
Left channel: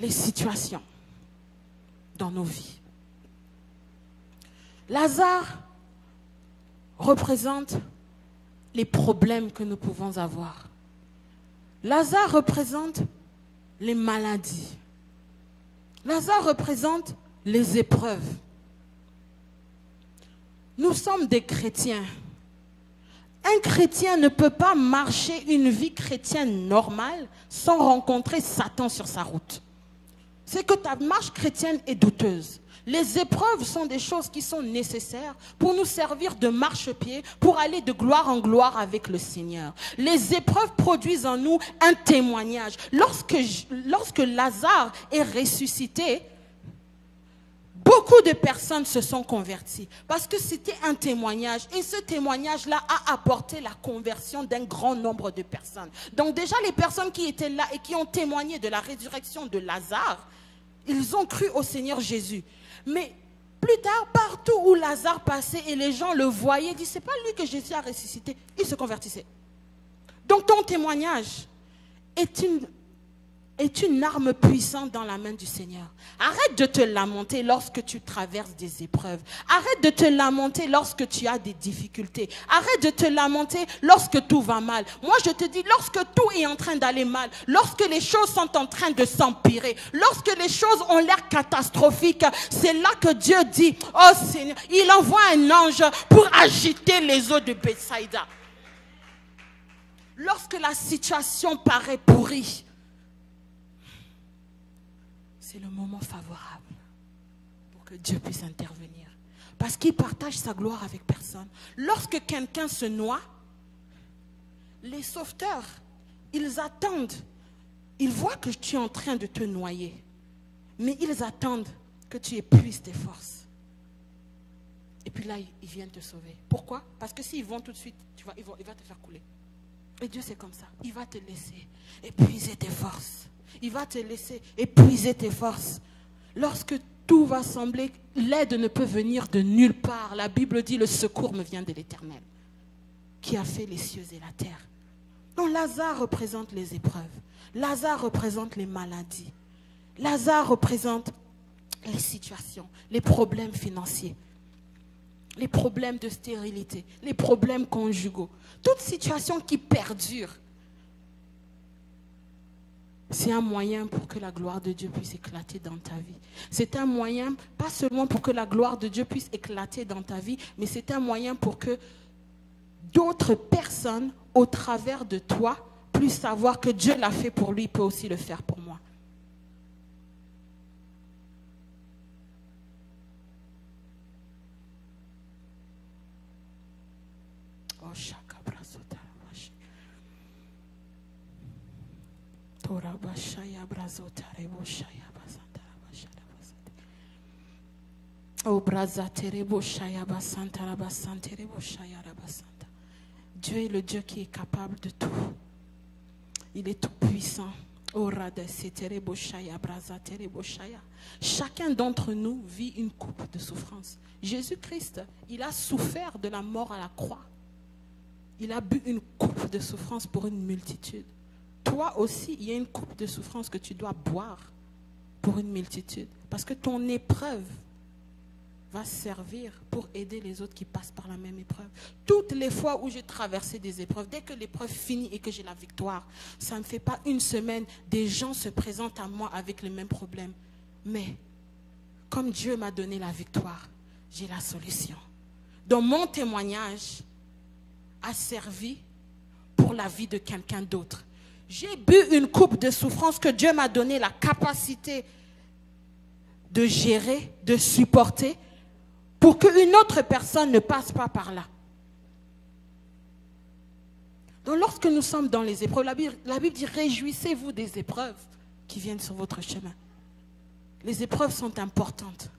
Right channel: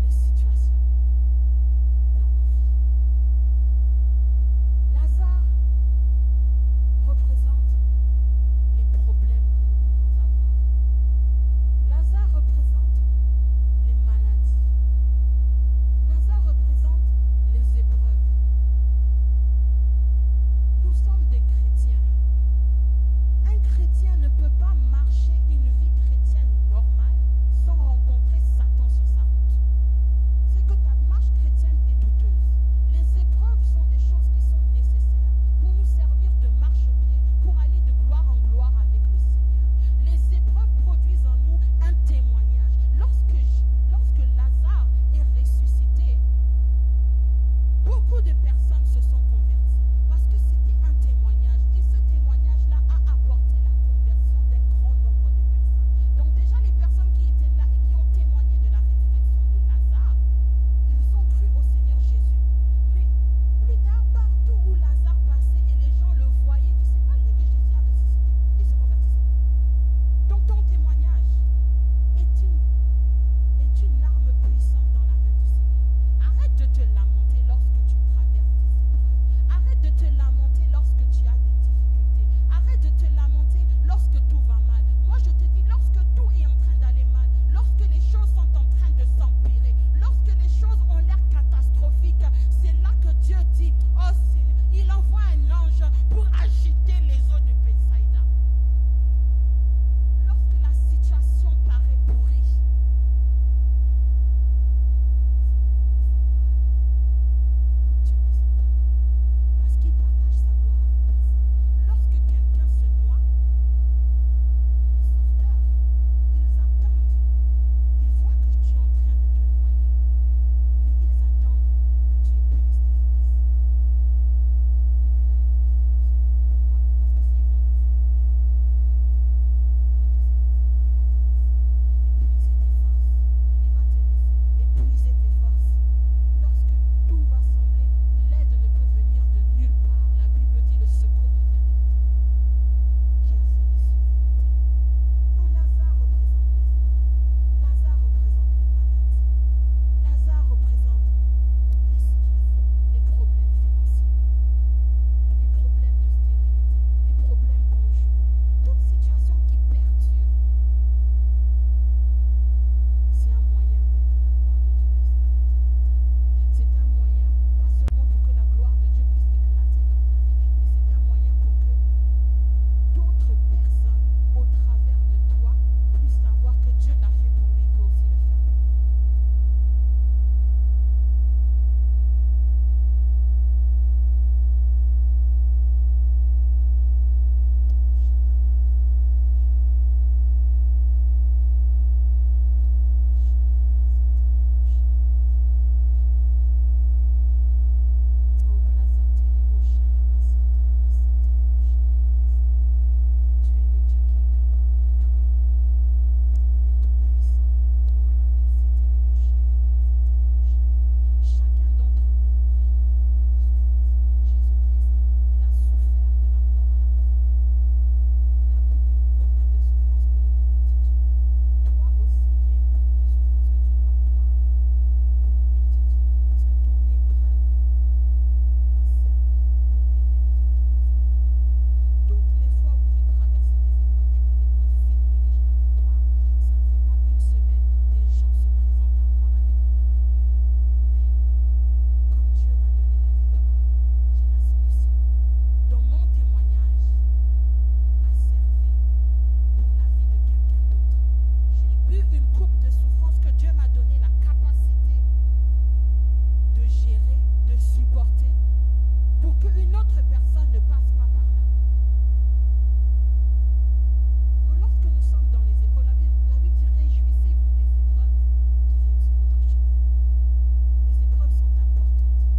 les situations dans nos vies. Lazare représente les problèmes que nous pouvons avoir. Lazare représente les maladies. Lazare représente les épreuves. Nous sommes des chrétiens. Un chrétien ne peut pas marcher une vie chrétienne normale sans rencontrer Satan sur sa route. C'est que ta marche chrétienne est douteuse. Les épreuves sont des choses qui sont nécessaires pour nous servir de marchepied, pour aller de gloire en gloire avec le Seigneur. Les épreuves produisent en nous un témoignage. Lorsque Lazare est ressuscité, beaucoup de personnes se sont converties parce que c'était un témoignage. Et ce témoignage-là a apporté la conversion d'un grand nombre de personnes. Donc déjà, les personnes qui étaient là et qui ont témoigné de la résurrection de Lazare, ils ont cru au Seigneur Jésus. Mais plus tard, partout où Lazare passait et les gens le voyaient, ils disaient, c'est pas lui que Jésus a ressuscité. Il se convertissait. Donc ton témoignage est est une arme puissante dans la main du Seigneur. Arrête de te lamenter lorsque tu traverses des épreuves. Arrête de te lamenter lorsque tu as des difficultés. Arrête de te lamenter lorsque tout va mal. Moi, je te dis, lorsque tout est en train d'aller mal, lorsque les choses sont en train de s'empirer, lorsque les choses ont l'air catastrophiques, c'est là que Dieu dit, oh Seigneur, il envoie un ange pour agiter les eaux de Bethsaïda. Lorsque la situation paraît pourrie, Dieu puisse intervenir. Parce qu'il partage sa gloire avec personne. Lorsque quelqu'un se noie, les sauveteurs, ils attendent. Ils voient que tu es en train de te noyer. Mais ils attendent que tu épuises tes forces. Et puis là, ils viennent te sauver. Pourquoi? Parce que s'ils vont tout de suite, il va te faire couler. Et Dieu, c'est comme ça. Il va te laisser épuiser tes forces. Il va te laisser épuiser tes forces. Lorsque tout va sembler, l'aide ne peut venir de nulle part. La Bible dit, le secours me vient de l'Éternel, qui a fait les cieux et la terre. Donc Lazare représente les épreuves. Lazare représente les maladies. Lazare représente les situations, les problèmes financiers, les problèmes de stérilité, les problèmes conjugaux. Toute situation qui perdure, c'est un moyen pour que la gloire de Dieu puisse éclater dans ta vie. C'est un moyen, pas seulement pour que la gloire de Dieu puisse éclater dans ta vie, mais c'est un moyen pour que d'autres personnes, au travers de toi, puissent savoir que Dieu l'a fait pour lui, il peut aussi le faire pour moi. Dieu est le Dieu qui est capable de tout. Il est tout puissant. Chacun d'entre nous vit une coupe de souffrance. Jésus-Christ, il a souffert de la mort à la croix. Il a bu une coupe de souffrance pour une multitude. Toi aussi, il y a une coupe de souffrance que tu dois boire pour une multitude. Parce que ton épreuve va servir pour aider les autres qui passent par la même épreuve. Toutes les fois où j'ai traversé des épreuves, dès que l'épreuve finit et que j'ai la victoire, ça ne me fait pas une semaine, des gens se présentent à moi avec les mêmes problèmes. Mais comme Dieu m'a donné la victoire, j'ai la solution. Donc mon témoignage a servi pour la vie de quelqu'un d'autre. J'ai bu une coupe de souffrance que Dieu m'a donné la capacité de gérer, de supporter, pour qu'une autre personne ne passe pas par là. Donc lorsque nous sommes dans les épreuves, la Bible dit, réjouissez-vous des épreuves qui viennent sur votre chemin. Les épreuves sont importantes.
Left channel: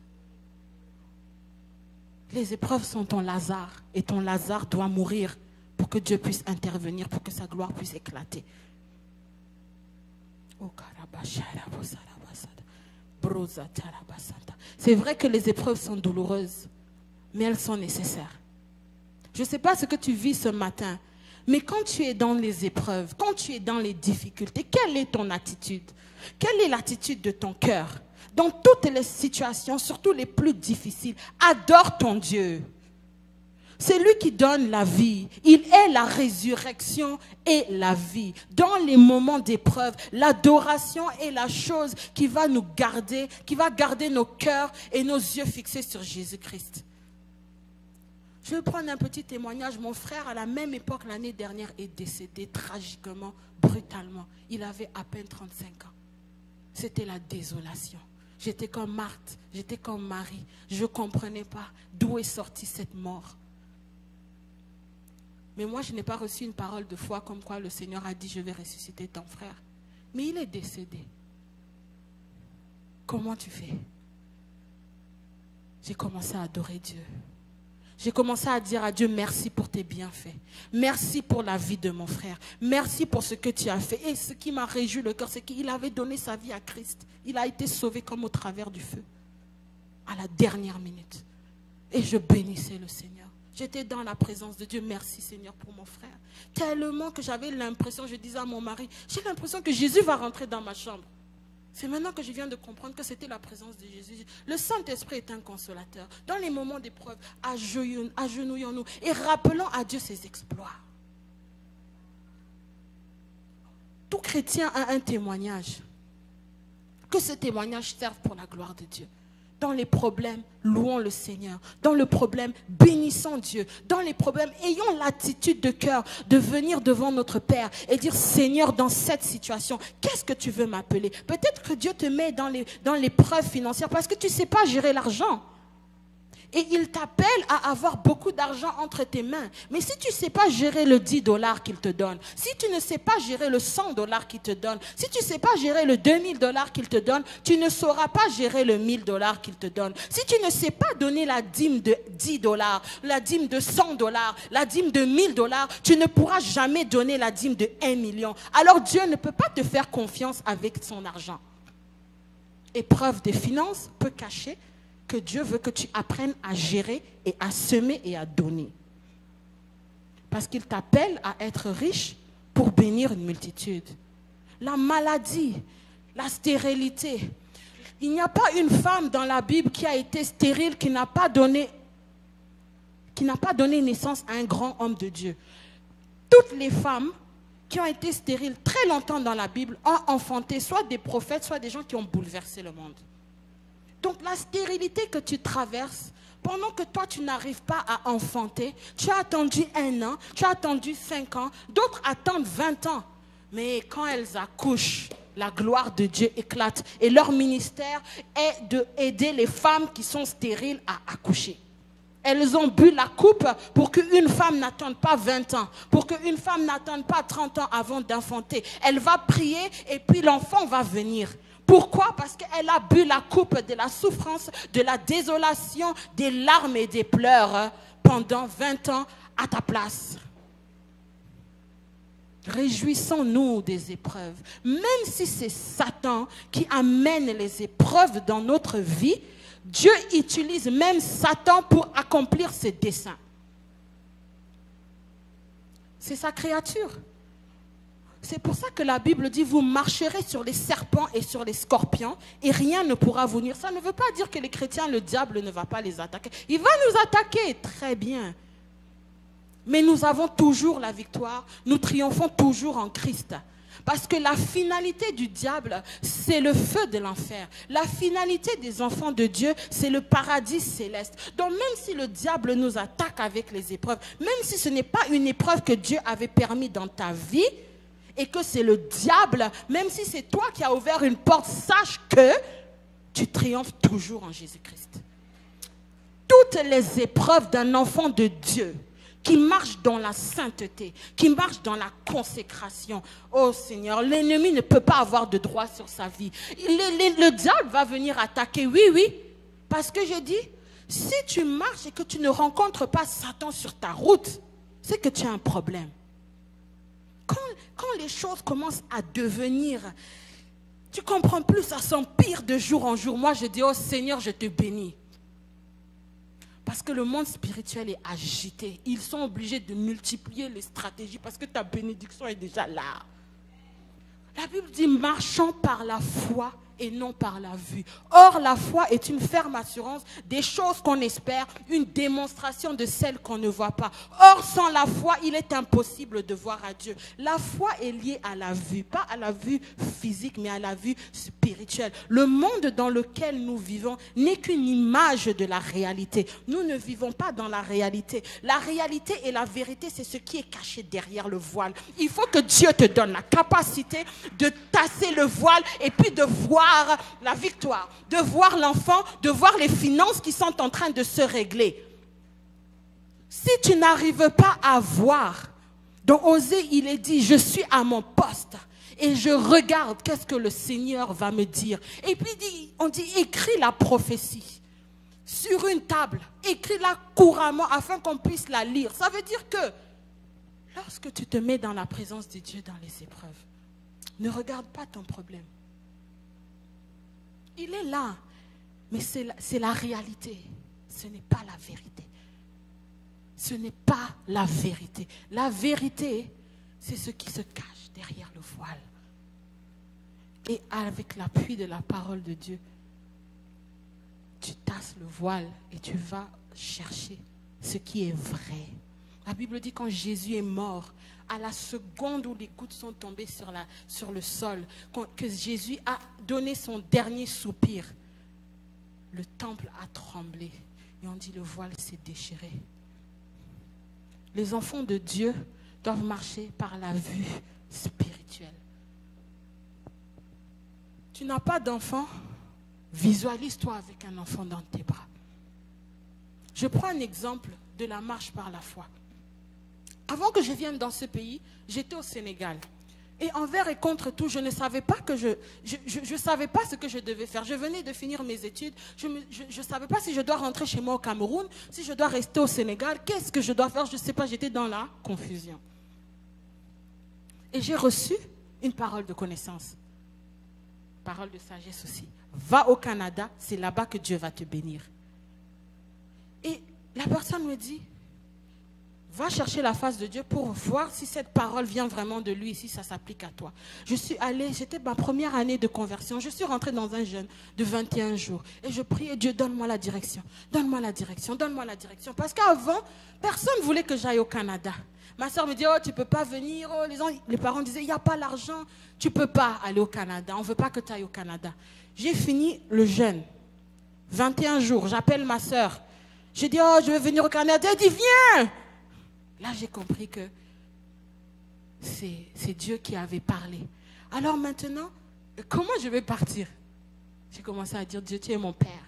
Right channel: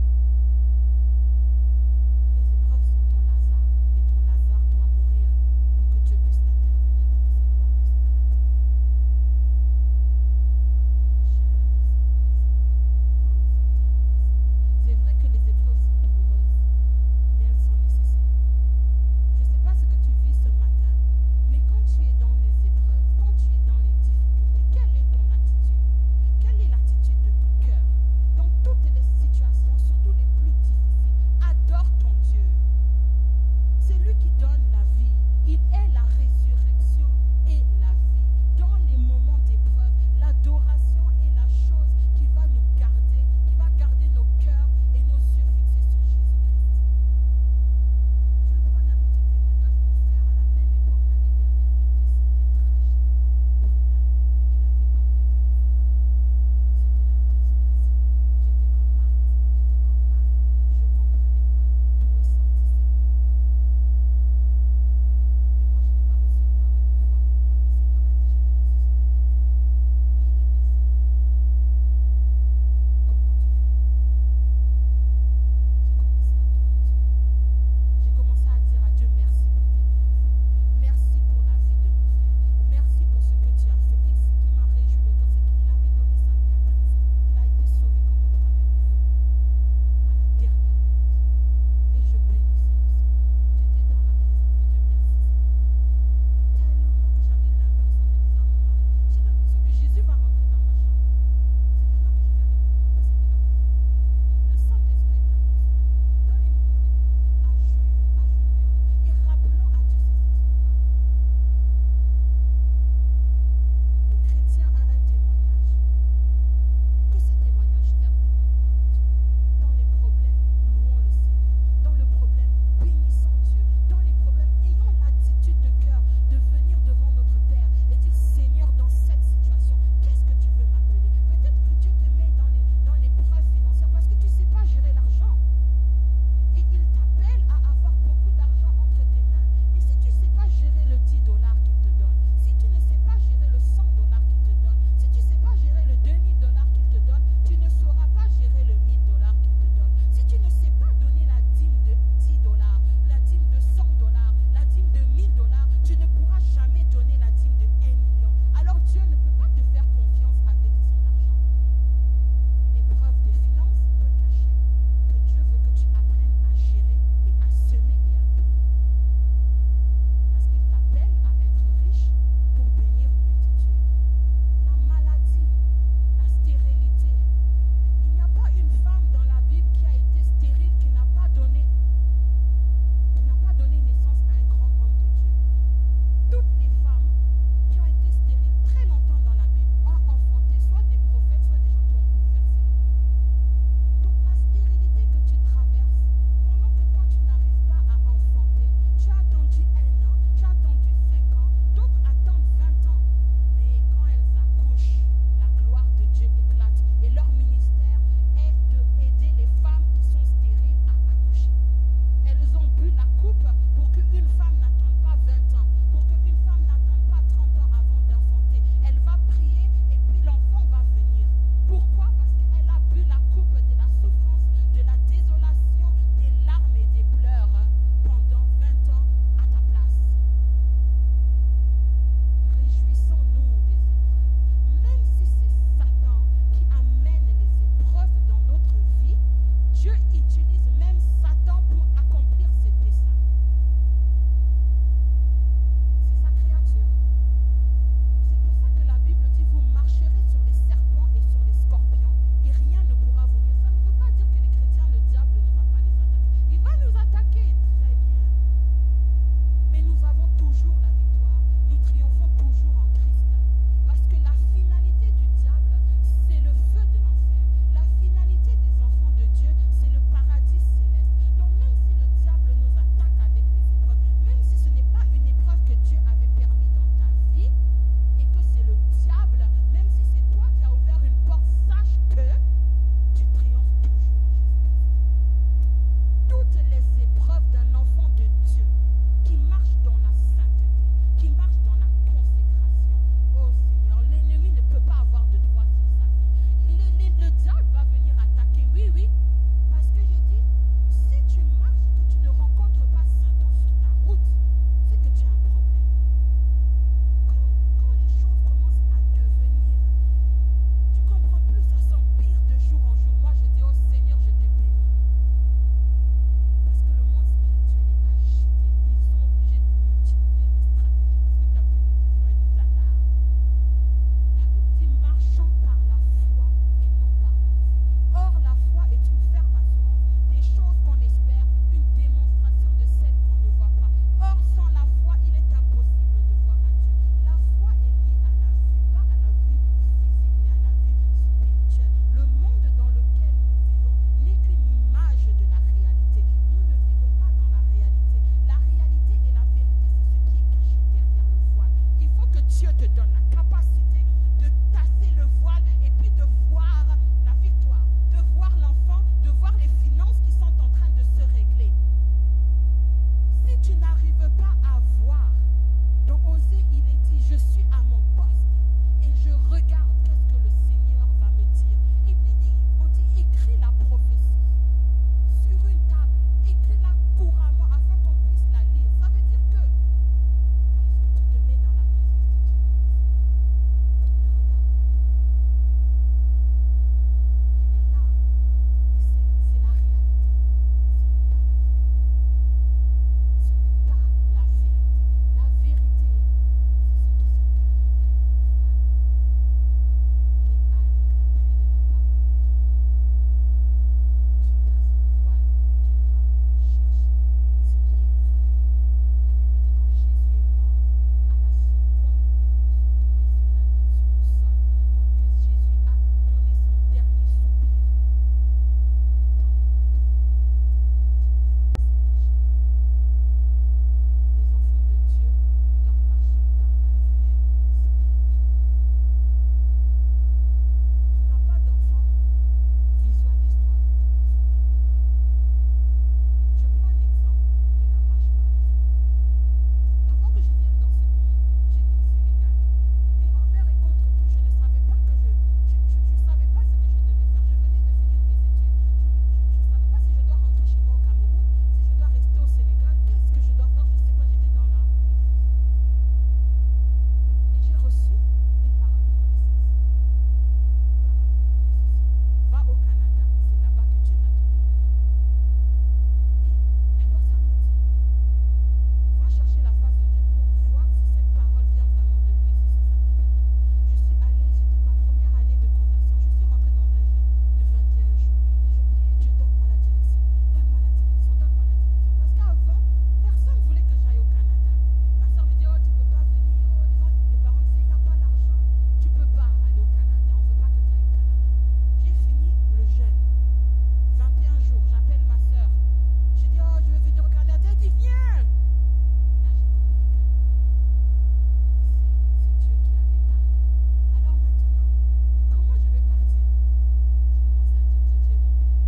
Les épreuves sont ton Lazare, et ton Lazare doit mourir pour que Dieu puisse intervenir, pour que sa gloire puisse éclater. C'est vrai que les épreuves sont douloureuses, mais elles sont nécessaires. Je ne sais pas ce que tu vis ce matin, mais quand tu es dans les épreuves, quand tu es dans les difficultés, quelle est ton attitude? Quelle est l'attitude de ton cœur? Dans toutes les situations, surtout les plus difficiles, adore ton Dieu. C'est lui qui donne la vie. Il est la résurrection et la vie. Dans les moments d'épreuve, l'adoration est la chose qui va nous garder, qui va garder nos cœurs et nos yeux fixés sur Jésus-Christ. Je vais prendre un petit témoignage. Mon frère, à la même époque, l'année dernière, est décédé tragiquement, brutalement. Il avait à peine 35 ans. C'était la désolation. J'étais comme Marthe, j'étais comme Marie. Je ne comprenais pas d'où est sortie cette mort. Mais moi, je n'ai pas reçu une parole de foi comme quoi le Seigneur a dit, je vais ressusciter ton frère. Mais il est décédé. Comment tu fais? J'ai commencé à adorer Dieu. J'ai commencé à dire à Dieu, merci pour tes bienfaits. Merci pour la vie de mon frère. Merci pour ce que tu as fait. Et ce qui m'a réjoui le cœur, c'est qu'il avait donné sa vie à Christ. Il a été sauvé comme au travers du feu. À la dernière minute. Et je bénissais le Seigneur. J'étais dans la présence de Dieu. Merci Seigneur pour mon frère. tellement que j'avais l'impression, je disais à mon mari, j'ai l'impression que Jésus va rentrer dans ma chambre. C'est maintenant que je viens de comprendre que c'était la présence de Jésus. Le Saint-Esprit est un consolateur. Dans les moments d'épreuve, agenouillons-nous et rappelons à Dieu ses exploits. Tout chrétien a un témoignage. Que ce témoignage serve pour la gloire de Dieu. Dans les problèmes, louons le Seigneur. Dans le problème, bénissons Dieu. Dans les problèmes, ayons l'attitude de cœur de venir devant notre Père et dire, Seigneur, dans cette situation, qu'est-ce que tu veux m'appeler? Peut-être que Dieu te met dans l'épreuve financière parce que tu ne sais pas gérer l'argent. Et il t'appelle à avoir beaucoup d'argent entre tes mains. Mais si tu ne sais pas gérer le 10 $ qu'il te donne, si tu ne sais pas gérer le 100 $ qu'il te donne, si tu ne sais pas gérer le 2000 $ qu'il te donne, tu ne sauras pas gérer le 1000 $ qu'il te donne. Si tu ne sais pas donner la dîme de 10 $, la dîme de 100 $, la dîme de 1000 $, tu ne pourras jamais donner la dîme de 1 million. Alors Dieu ne peut pas te faire confiance avec son argent. Épreuve des finances peut cacher que Dieu veut que tu apprennes à gérer et à semer et à donner. Parce qu'il t'appelle à être riche pour bénir une multitude. La maladie, la stérilité. Il n'y a pas une femme dans la Bible qui a été stérile, qui n'a pas donné naissance à un grand homme de Dieu. Toutes les femmes qui ont été stériles très longtemps dans la Bible ont enfanté soit des prophètes, soit des gens qui ont bouleversé le monde. Donc la stérilité que tu traverses, pendant que toi tu n'arrives pas à enfanter, tu as attendu 1 an, tu as attendu 5 ans, d'autres attendent 20 ans. Mais quand elles accouchent, la gloire de Dieu éclate. Et leur ministère est d'aider les femmes qui sont stériles à accoucher. Elles ont bu la coupe pour qu'une femme n'attende pas 20 ans, pour qu'une femme n'attende pas 30 ans avant d'enfanter. Elle va prier et puis l'enfant va venir. Pourquoi? Parce qu'elle a bu la coupe de la souffrance, de la désolation, des larmes et des pleurs pendant 20 ans à ta place. Réjouissons-nous des épreuves. Même si c'est Satan qui amène les épreuves dans notre vie, Dieu utilise même Satan pour accomplir ses desseins. C'est sa créature. C'est pour ça que la Bible dit, vous marcherez sur les serpents et sur les scorpions et rien ne pourra vous nuire. Ça ne veut pas dire que les chrétiens, le diable ne va pas les attaquer. Il va nous attaquer, très bien. Mais nous avons toujours la victoire. Nous triomphons toujours en Christ. Parce que la finalité du diable, c'est le feu de l'enfer. La finalité des enfants de Dieu, c'est le paradis céleste. Donc même si le diable nous attaque avec les épreuves, même si ce n'est pas une épreuve que Dieu avait permis dans ta vie, et que c'est le diable, même si c'est toi qui as ouvert une porte, sache que tu triomphes toujours en Jésus-Christ. Toutes les épreuves d'un enfant de Dieu qui marche dans la sainteté, qui marche dans la consécration. Oh Seigneur, l'ennemi ne peut pas avoir de droit sur sa vie. Le diable va venir attaquer, oui, parce que je dis, si tu marches et que tu ne rencontres pas Satan sur ta route, c'est que tu as un problème. Quand les choses commencent à devenir, tu comprends plus, ça s'empire de jour en jour. Moi, je dis, oh Seigneur, je te bénis. Parce que le monde spirituel est agité. Ils sont obligés de multiplier les stratégies parce que ta bénédiction est déjà là. La Bible dit, marchons par la foi et non par la vue. Or, la foi est une ferme assurance des choses qu'on espère, une démonstration de celles qu'on ne voit pas. Or, sans la foi, il est impossible de voir à Dieu. La foi est liée à la vue, pas à la vue physique, mais à la vue spirituelle. Le monde dans lequel nous vivons n'est qu'une image de la réalité. Nous ne vivons pas dans la réalité. La réalité et la vérité, c'est ce qui est caché derrière le voile. Il faut que Dieu te donne la capacité de tasser le voile et puis de voir la victoire, de voir l'enfant, de voir les finances qui sont en train de se régler. Si tu n'arrives pas à voir, dans Osée, il est dit, je suis à mon poste et je regarde qu'est-ce que le Seigneur va me dire. Et puis on dit, écris la prophétie sur une table, écris-la couramment afin qu'on puisse la lire. Ça veut dire que lorsque tu te mets dans la présence de Dieu dans les épreuves, ne regarde pas ton problème. Il est là, mais c'est la réalité. Ce n'est pas la vérité. Ce n'est pas la vérité. La vérité, c'est ce qui se cache derrière le voile. Et avec l'appui de la parole de Dieu, tu tasses le voile et tu vas chercher ce qui est vrai. La Bible dit quand Jésus est mort, à la seconde où les gouttes sont tombées sur le sol, que Jésus a donné son dernier soupir, le temple a tremblé et on dit le voile s'est déchiré. Les enfants de Dieu doivent marcher par la vue spirituelle. Tu n'as pas d'enfant, visualise-toi avec un enfant dans tes bras. Je prends un exemple de la marche par la foi. Avant que je vienne dans ce pays, j'étais au Sénégal. Et envers et contre tout, je ne savais pas que je savais pas ce que je devais faire. Je venais de finir mes études. Je ne savais pas si je dois rentrer chez moi au Cameroun, si je dois rester au Sénégal. Qu'est-ce que je dois faire? Je ne sais pas. J'étais dans la confusion. Et j'ai reçu une parole de connaissance. Parole de sagesse aussi. Va au Canada, c'est là-bas que Dieu va te bénir. Et la personne me dit, va chercher la face de Dieu pour voir si cette parole vient vraiment de lui, si ça s'applique à toi. Je suis allée, c'était ma première année de conversion. Je suis rentrée dans un jeûne de 21 jours. Et je priais, Dieu, donne-moi la direction. Donne-moi la direction, donne-moi la direction. Parce qu'avant, personne ne voulait que j'aille au Canada. Ma soeur me dit, oh, tu ne peux pas venir. Oh, les parents disaient, il n'y a pas l'argent. Tu ne peux pas aller au Canada. On ne veut pas que tu ailles au Canada. J'ai fini le jeûne. 21 jours, j'appelle ma soeur. J'ai dit, oh, je veux venir au Canada. Elle dit, viens. Là, j'ai compris que c'est Dieu qui avait parlé. Alors maintenant, comment je vais partir? J'ai commencé à dire, Dieu, tu es mon Père.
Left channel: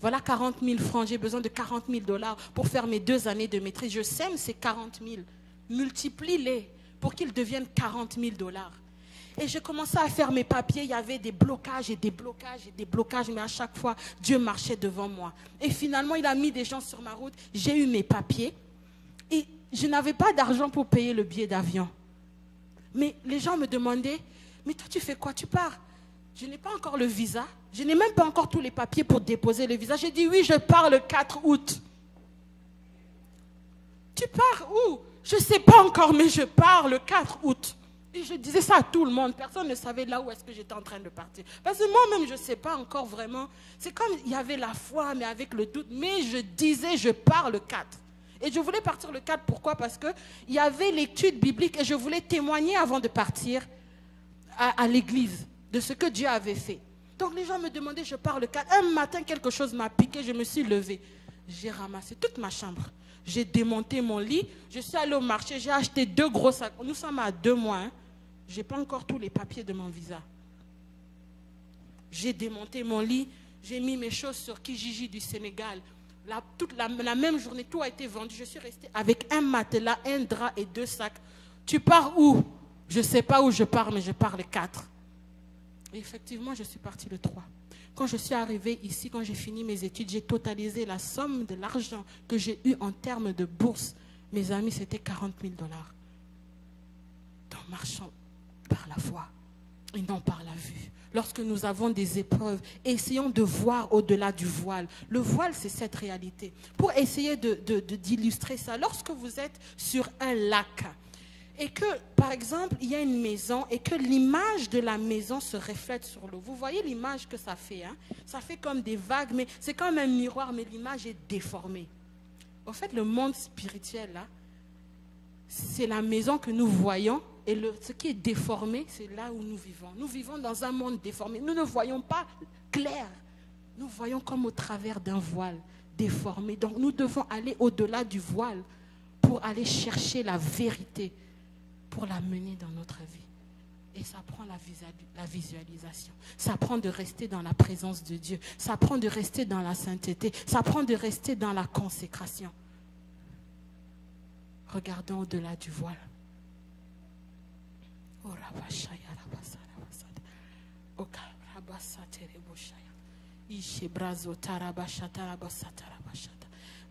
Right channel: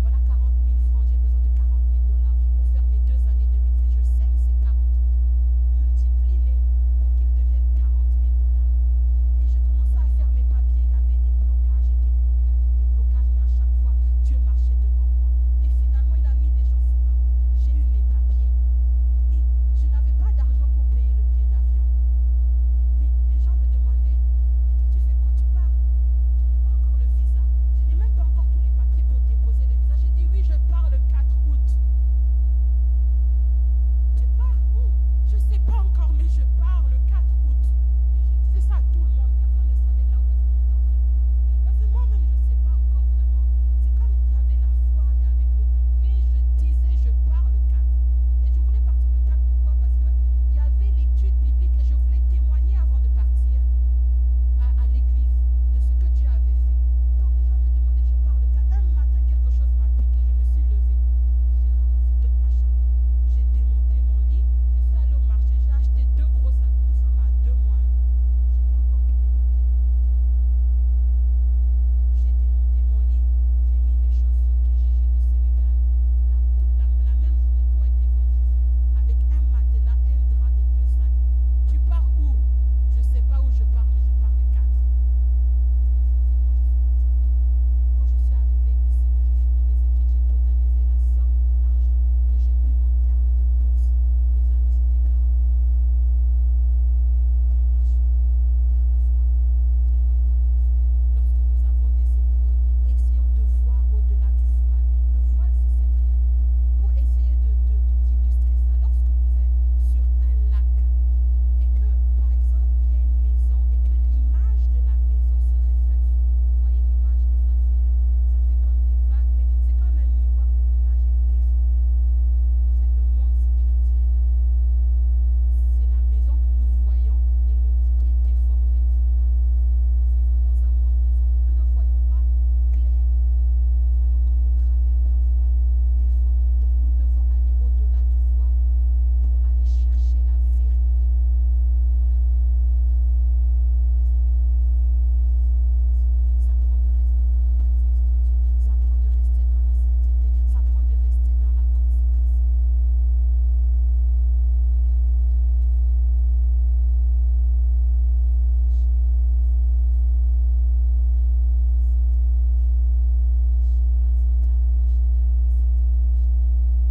Voilà 40 000 francs, j'ai besoin de 40 000 $ pour faire mes 2 années de maîtrise. Je sème ces 40 000, multiplie-les pour qu'ils deviennent 40 000 $. Et je commençais à faire mes papiers, il y avait des blocages et des blocages et des blocages, mais à chaque fois, Dieu marchait devant moi. Et finalement, il a mis des gens sur ma route, j'ai eu mes papiers. Et je n'avais pas d'argent pour payer le billet d'avion. Mais les gens me demandaient, mais toi tu fais quoi? Tu pars? Je n'ai pas encore le visa. Je n'ai même pas encore tous les papiers pour déposer le visa. J'ai dit oui, je pars le 4 août. Tu pars où? Je ne sais pas encore, mais je pars le 4 août. Et je disais ça à tout le monde. Personne ne savait là où est-ce que j'étais en train de partir. Parce que moi-même, je ne sais pas encore vraiment. C'est comme il y avait la foi, mais avec le doute. Mais je disais, je pars le 4. Et je voulais partir le 4, pourquoi? Parce qu'il y avait l'étude biblique et je voulais témoigner avant de partir à l'église de ce que Dieu avait fait. Donc les gens me demandaient, je pars le 4. Un matin, quelque chose m'a piqué, je me suis levée. J'ai ramassé toute ma chambre. J'ai démonté mon lit, je suis allée au marché, j'ai acheté 2 gros sacs. Nous sommes à 2 mois. Hein. Je n'ai pas encore tous les papiers de mon visa. J'ai démonté mon lit, j'ai mis mes choses sur Kijiji du Sénégal. La même journée, tout a été vendu. Je suis restée avec un matelas, un drap et 2 sacs. Tu pars où? Je ne sais pas où je pars, mais je pars le 4. Et effectivement, je suis partie le 3. Quand je suis arrivée ici, quand j'ai fini mes études, j'ai totalisé la somme de l'argent que j'ai eu en termes de bourse. Mes amis, c'était 40 000 $. Donc, marchons par la foi et non par la vue. Lorsque nous avons des épreuves, essayons de voir au-delà du voile. Le voile, c'est cette réalité. Pour essayer d'illustrer ça, lorsque vous êtes sur un lac et que, par exemple, il y a une maison et que l'image de la maison se reflète sur l'eau. Vous voyez l'image que ça fait, hein? Ça fait comme des vagues, mais c'est comme un miroir, mais l'image est déformée. En fait, le monde spirituel, là, c'est la maison que nous voyons et ce qui est déformé, c'est là où nous vivons. Nous vivons dans un monde déformé. Nous ne voyons pas clair. Nous voyons comme au travers d'un voile déformé. Donc nous devons aller au-delà du voile pour aller chercher la vérité, pour la mener dans notre vie. Et ça prend la visualisation. Ça prend de rester dans la présence de Dieu. Ça prend de rester dans la sainteté. Ça prend de rester dans la consécration. Regardons au-delà du voile.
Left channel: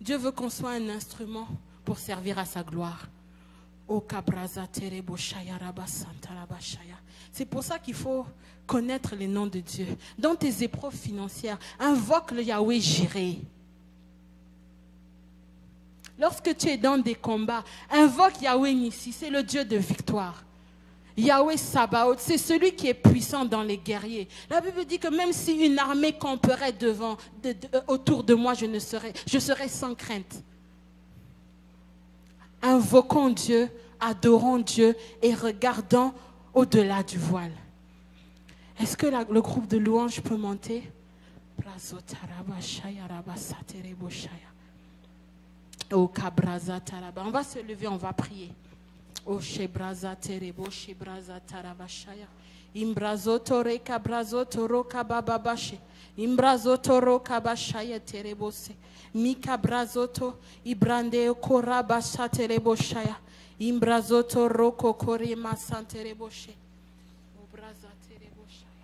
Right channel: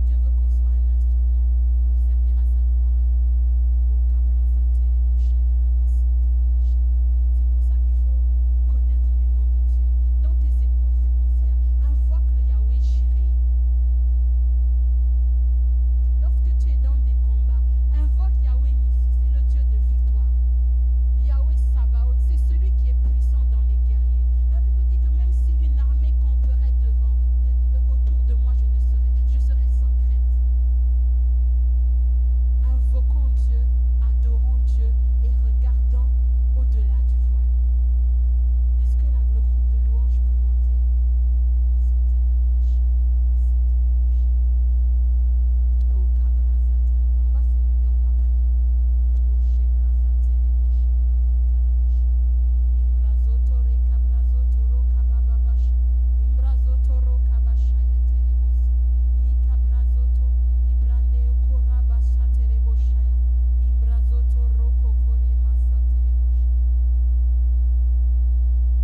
Dieu veut qu'on soit un instrument pour servir à sa gloire. C'est pour ça qu'il faut connaître les noms de Dieu. Dans tes épreuves financières, invoque le Yahweh Jireh. Lorsque tu es dans des combats, invoque Yahweh Nissi, c'est le Dieu de victoire. Yahweh Sabaoth, c'est celui qui est puissant dans les guerriers. La Bible dit que même si une armée camperait autour de moi, je serais sans crainte. Invoquons Dieu, adorons Dieu et regardons au-delà du voile. Est-ce que le groupe de louanges peut monter? On va se lever, on va prier. O shebraza terebo shebraza tarabashaya imbrazo tore kabrazo toro kabababashe imbrazo toro kabashaya terebose mika brazoto ibrande korabasha terebo shaya imbrazo toro kokore masantereboshe obraza terebo shaya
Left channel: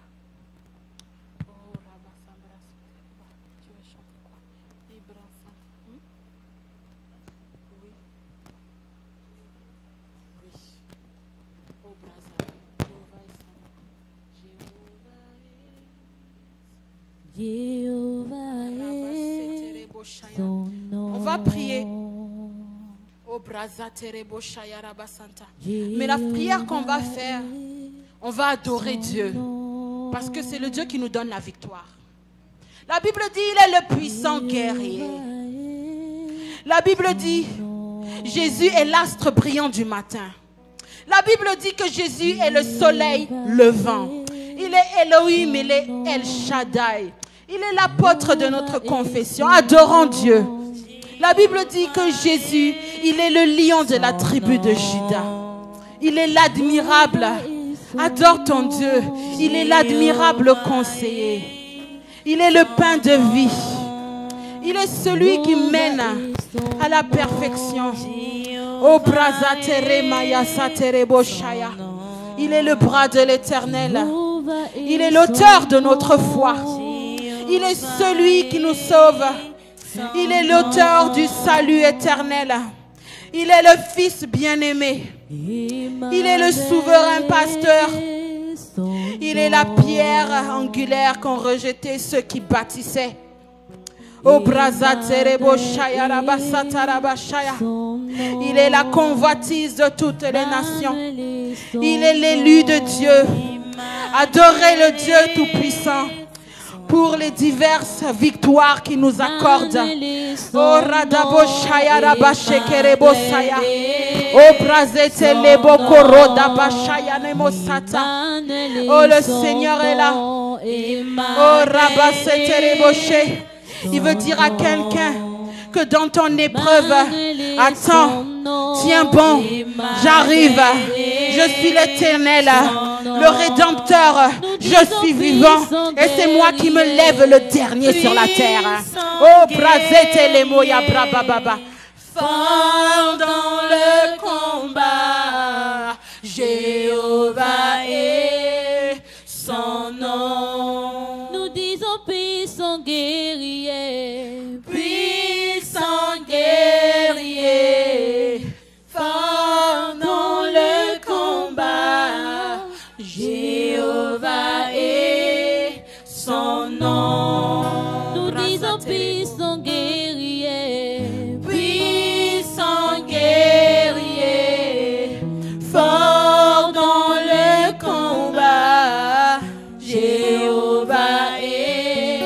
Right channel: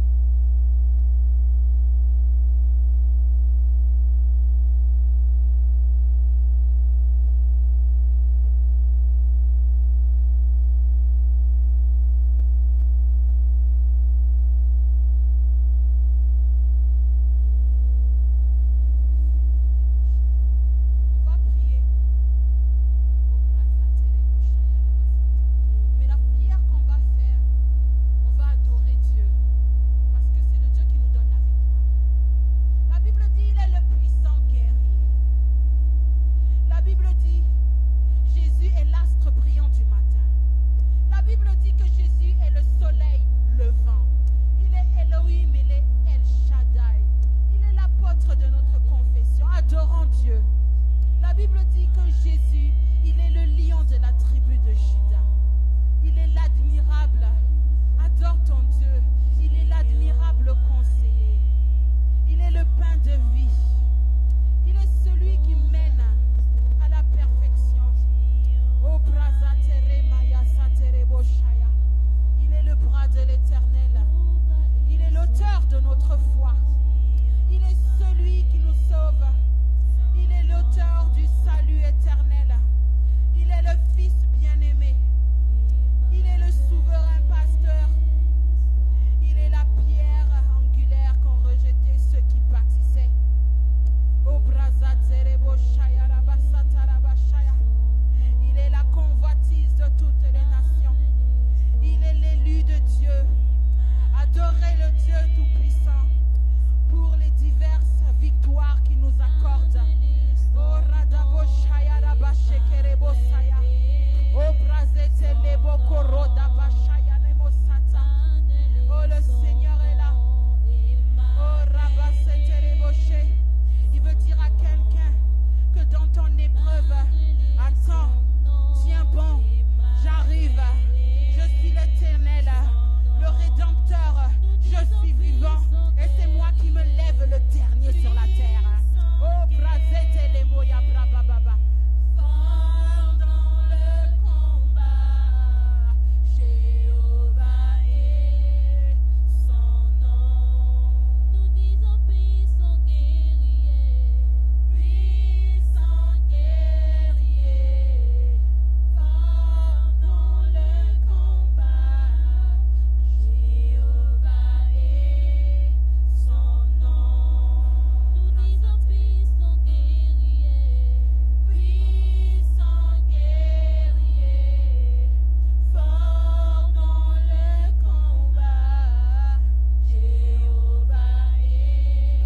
On va prier. Mais la prière qu'on va faire, on va adorer Dieu. Parce que c'est le Dieu qui nous donne la victoire. La Bible dit, il est le puissant guerrier. La Bible dit, Jésus est l'astre brillant du matin. La Bible dit que Jésus est le soleil levant. Il est Elohim, il est El Shaddai. Il est l'apôtre de notre confession. Adorons Dieu. La Bible dit que Jésus, il est le lion de la tribu de Juda. Il est l'admirable. Adore ton Dieu. Il est l'admirable conseiller. Il est le pain de vie. Il est celui qui mène à la perfection. Oh, brazatere maya satere boshaya. Il est le bras de l'Éternel. Il est l'auteur de notre foi. Il est celui qui nous sauve. Il est l'auteur du salut éternel. Il est le Fils bien-aimé. Il est le souverain pasteur. Il est la pierre angulaire qu'ont rejeté ceux qui bâtissaient. Il est la convoitise de toutes les nations. Il est l'élu de Dieu. Adorez le Dieu Tout-Puissant pour les diverses victoires qu'il nous accorde. Oh Radabo Shaya Rabashe Kerebo Saya. Oh Brazete Lebo Koroda Bashaya Nemosata. Oh le Seigneur est là. Oh Rabasete Reboshe. Il veut dire à quelqu'un que dans ton épreuve, attends, tiens bon, j'arrive, je suis l'Éternel, le Rédempteur, je suis vivant et c'est moi qui me lève le dernier sur la terre. Oh, Brazete les moya brababa. Fort dans le combat, Jéhovah est son nom. Nous disons puissant guerrier, Puissant guerrier, fort dans le combat, Jéhovah est son nom. nous disons puissant guerrier, Puissant guerrier, fort dans le combat, Jéhovah est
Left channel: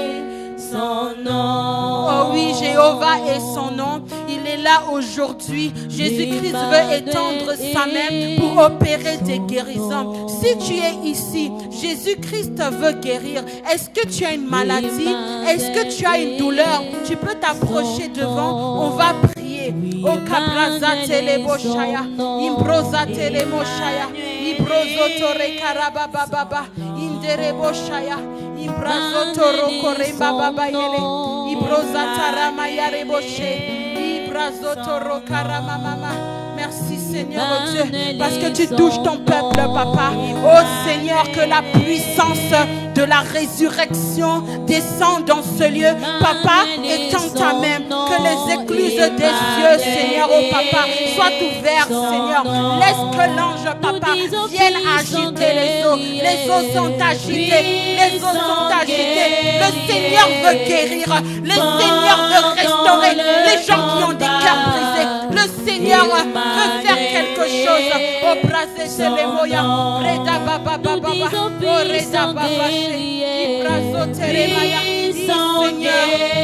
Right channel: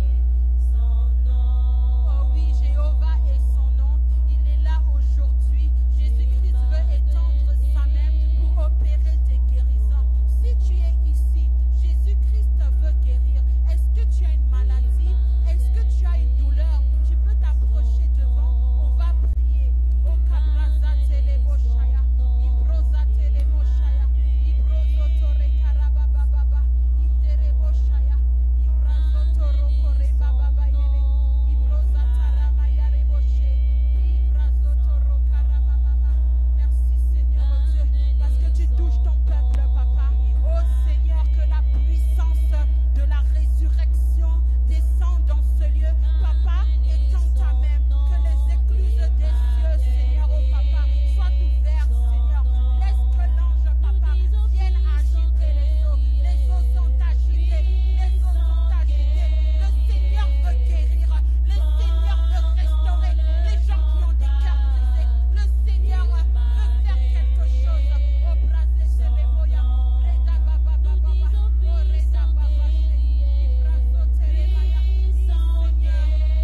son nom. Oh oui, Jéhovah est son nom. Il est là aujourd'hui. Jésus-Christ veut étendre sa main pour opérer des guérisons. Si tu es ici, Jésus-Christ veut guérir. Est-ce que tu as une maladie? Est-ce que tu as une douleur? Tu peux t'approcher devant. On va prier. Oh kabraza teleboshaya, imbroza telemoshaya, ibrozo tore karabababa, indereboshaya, imbrazo toro koremba baba yele, ibroza tarama yareboshe, ibrazo toro karama mama. Merci Seigneur oh Dieu, parce que tu touches ton peuple, Papa. Oh Seigneur, que la puissance de la résurrection descend dans ce lieu. Papa, étends ta main, que les écluses des cieux, Seigneur, oh Papa, soient ouvertes, Seigneur. Laisse que l'ange, Papa, vienne agiter les eaux. Les eaux sont agitées, les eaux sont agitées. Le Seigneur veut guérir, le Seigneur veut restaurer les gens qui ont des cœurs brisés.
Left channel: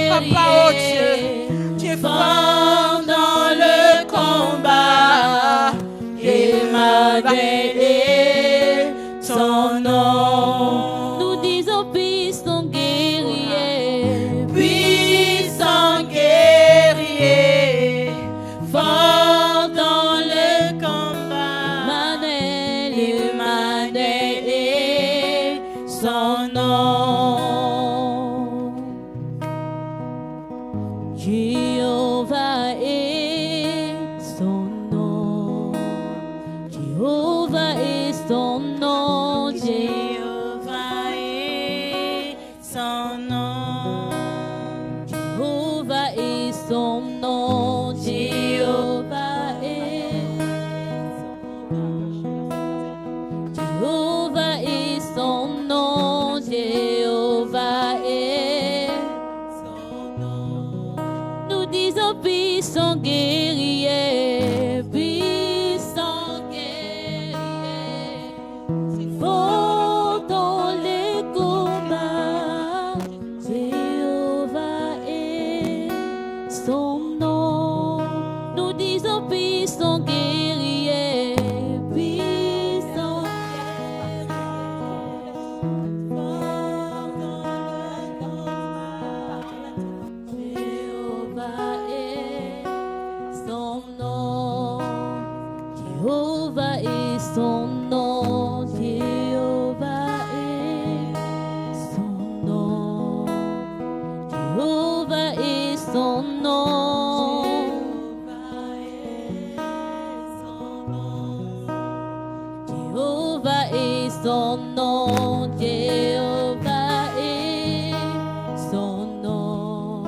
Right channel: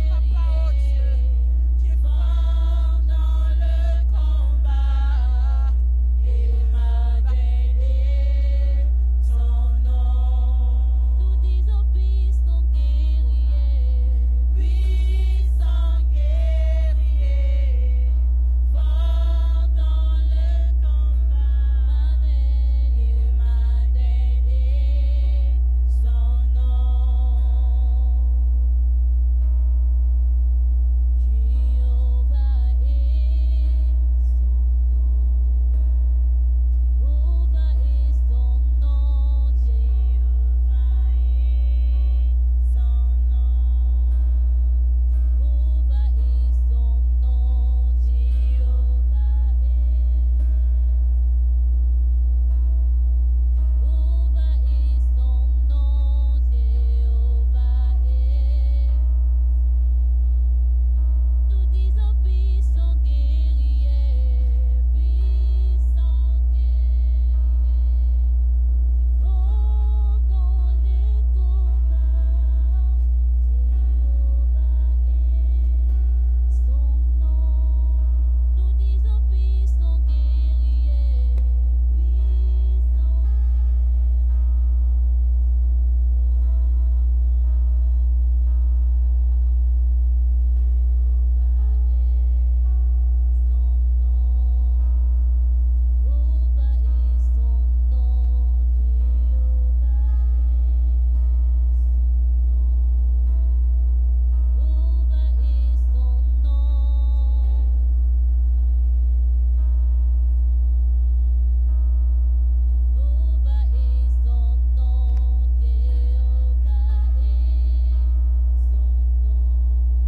Papa, oh Dieu, tu es fort dans le combat. Emmanuel, son nom. Nous disons puissant guerrier, Puissant guerrier, fort dans le combat. Emmanuel, son nom. Jéhovah est son nom. Jéhovah est son nom. Jéhovah est son nom. Jéhovah est son nom. Jéhovah est. Jéhovah est son nom. Jéhovah est. Nous disons puissant guerrier, puissant guerrier, fort dans les combats. Jéhovah est son nom. Nous disons puissant guerrier, puissant Jéhovah est son nom. Jéhovah est son nom. Jéhovah est son nom. Jéhovah est son nom. Jéhovah est son nom. Jéhovah est son nom.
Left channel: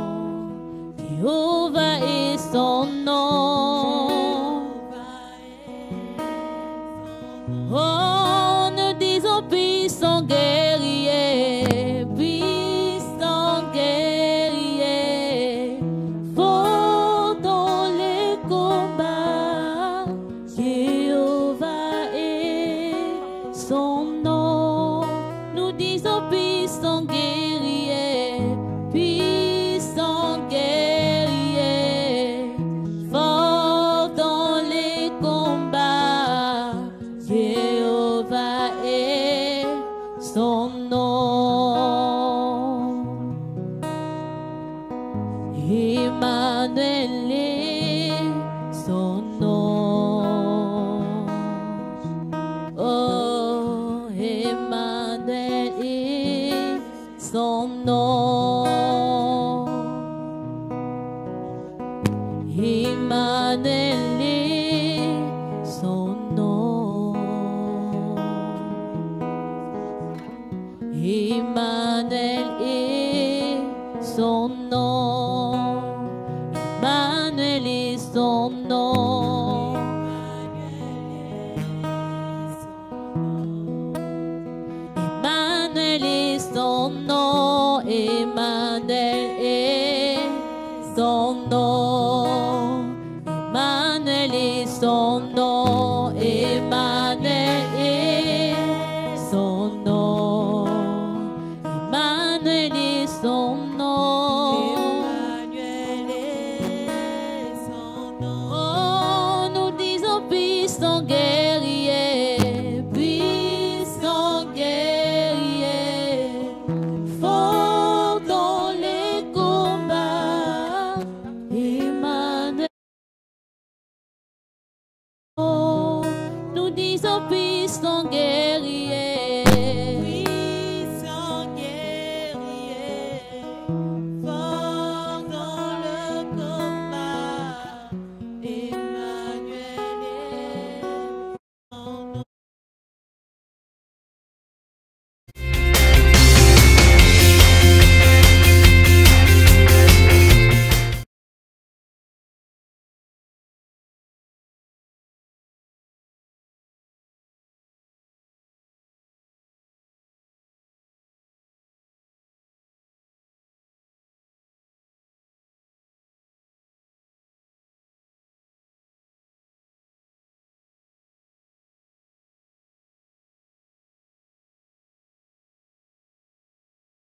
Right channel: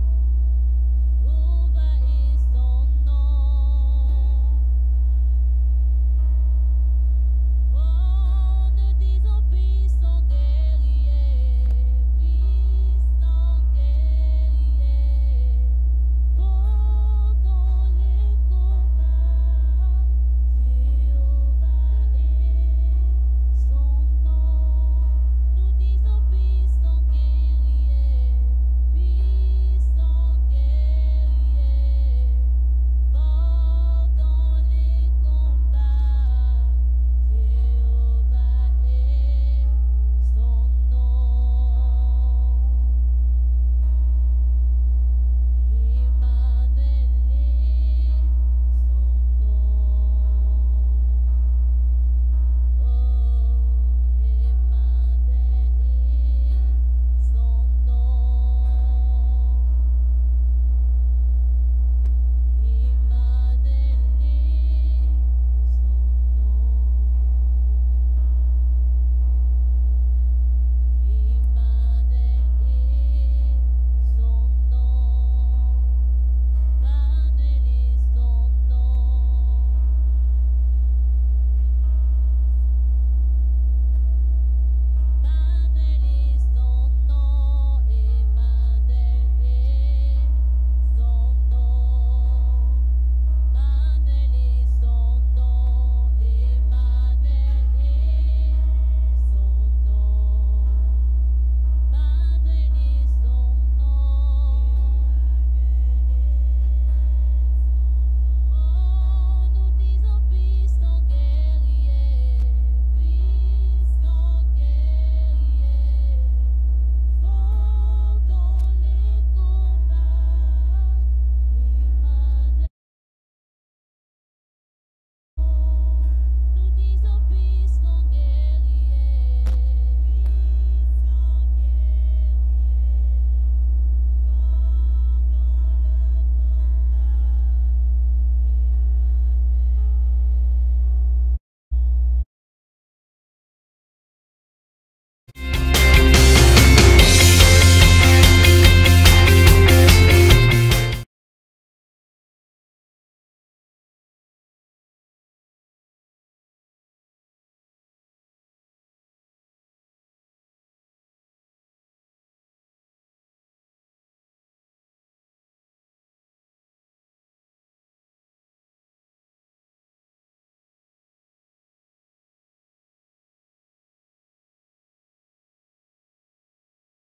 Jéhovah est son nom. Oh, nous disons puissant guerrier, puissant guerrier, fort dans les combats. Jéhovah est son nom. Nous disons puissant guerrier, puissant guerrier, fort dans les combats. Jéhovah est son nom. Emmanuel est son nom. Oh, Emmanuel est son nom. Emmanuel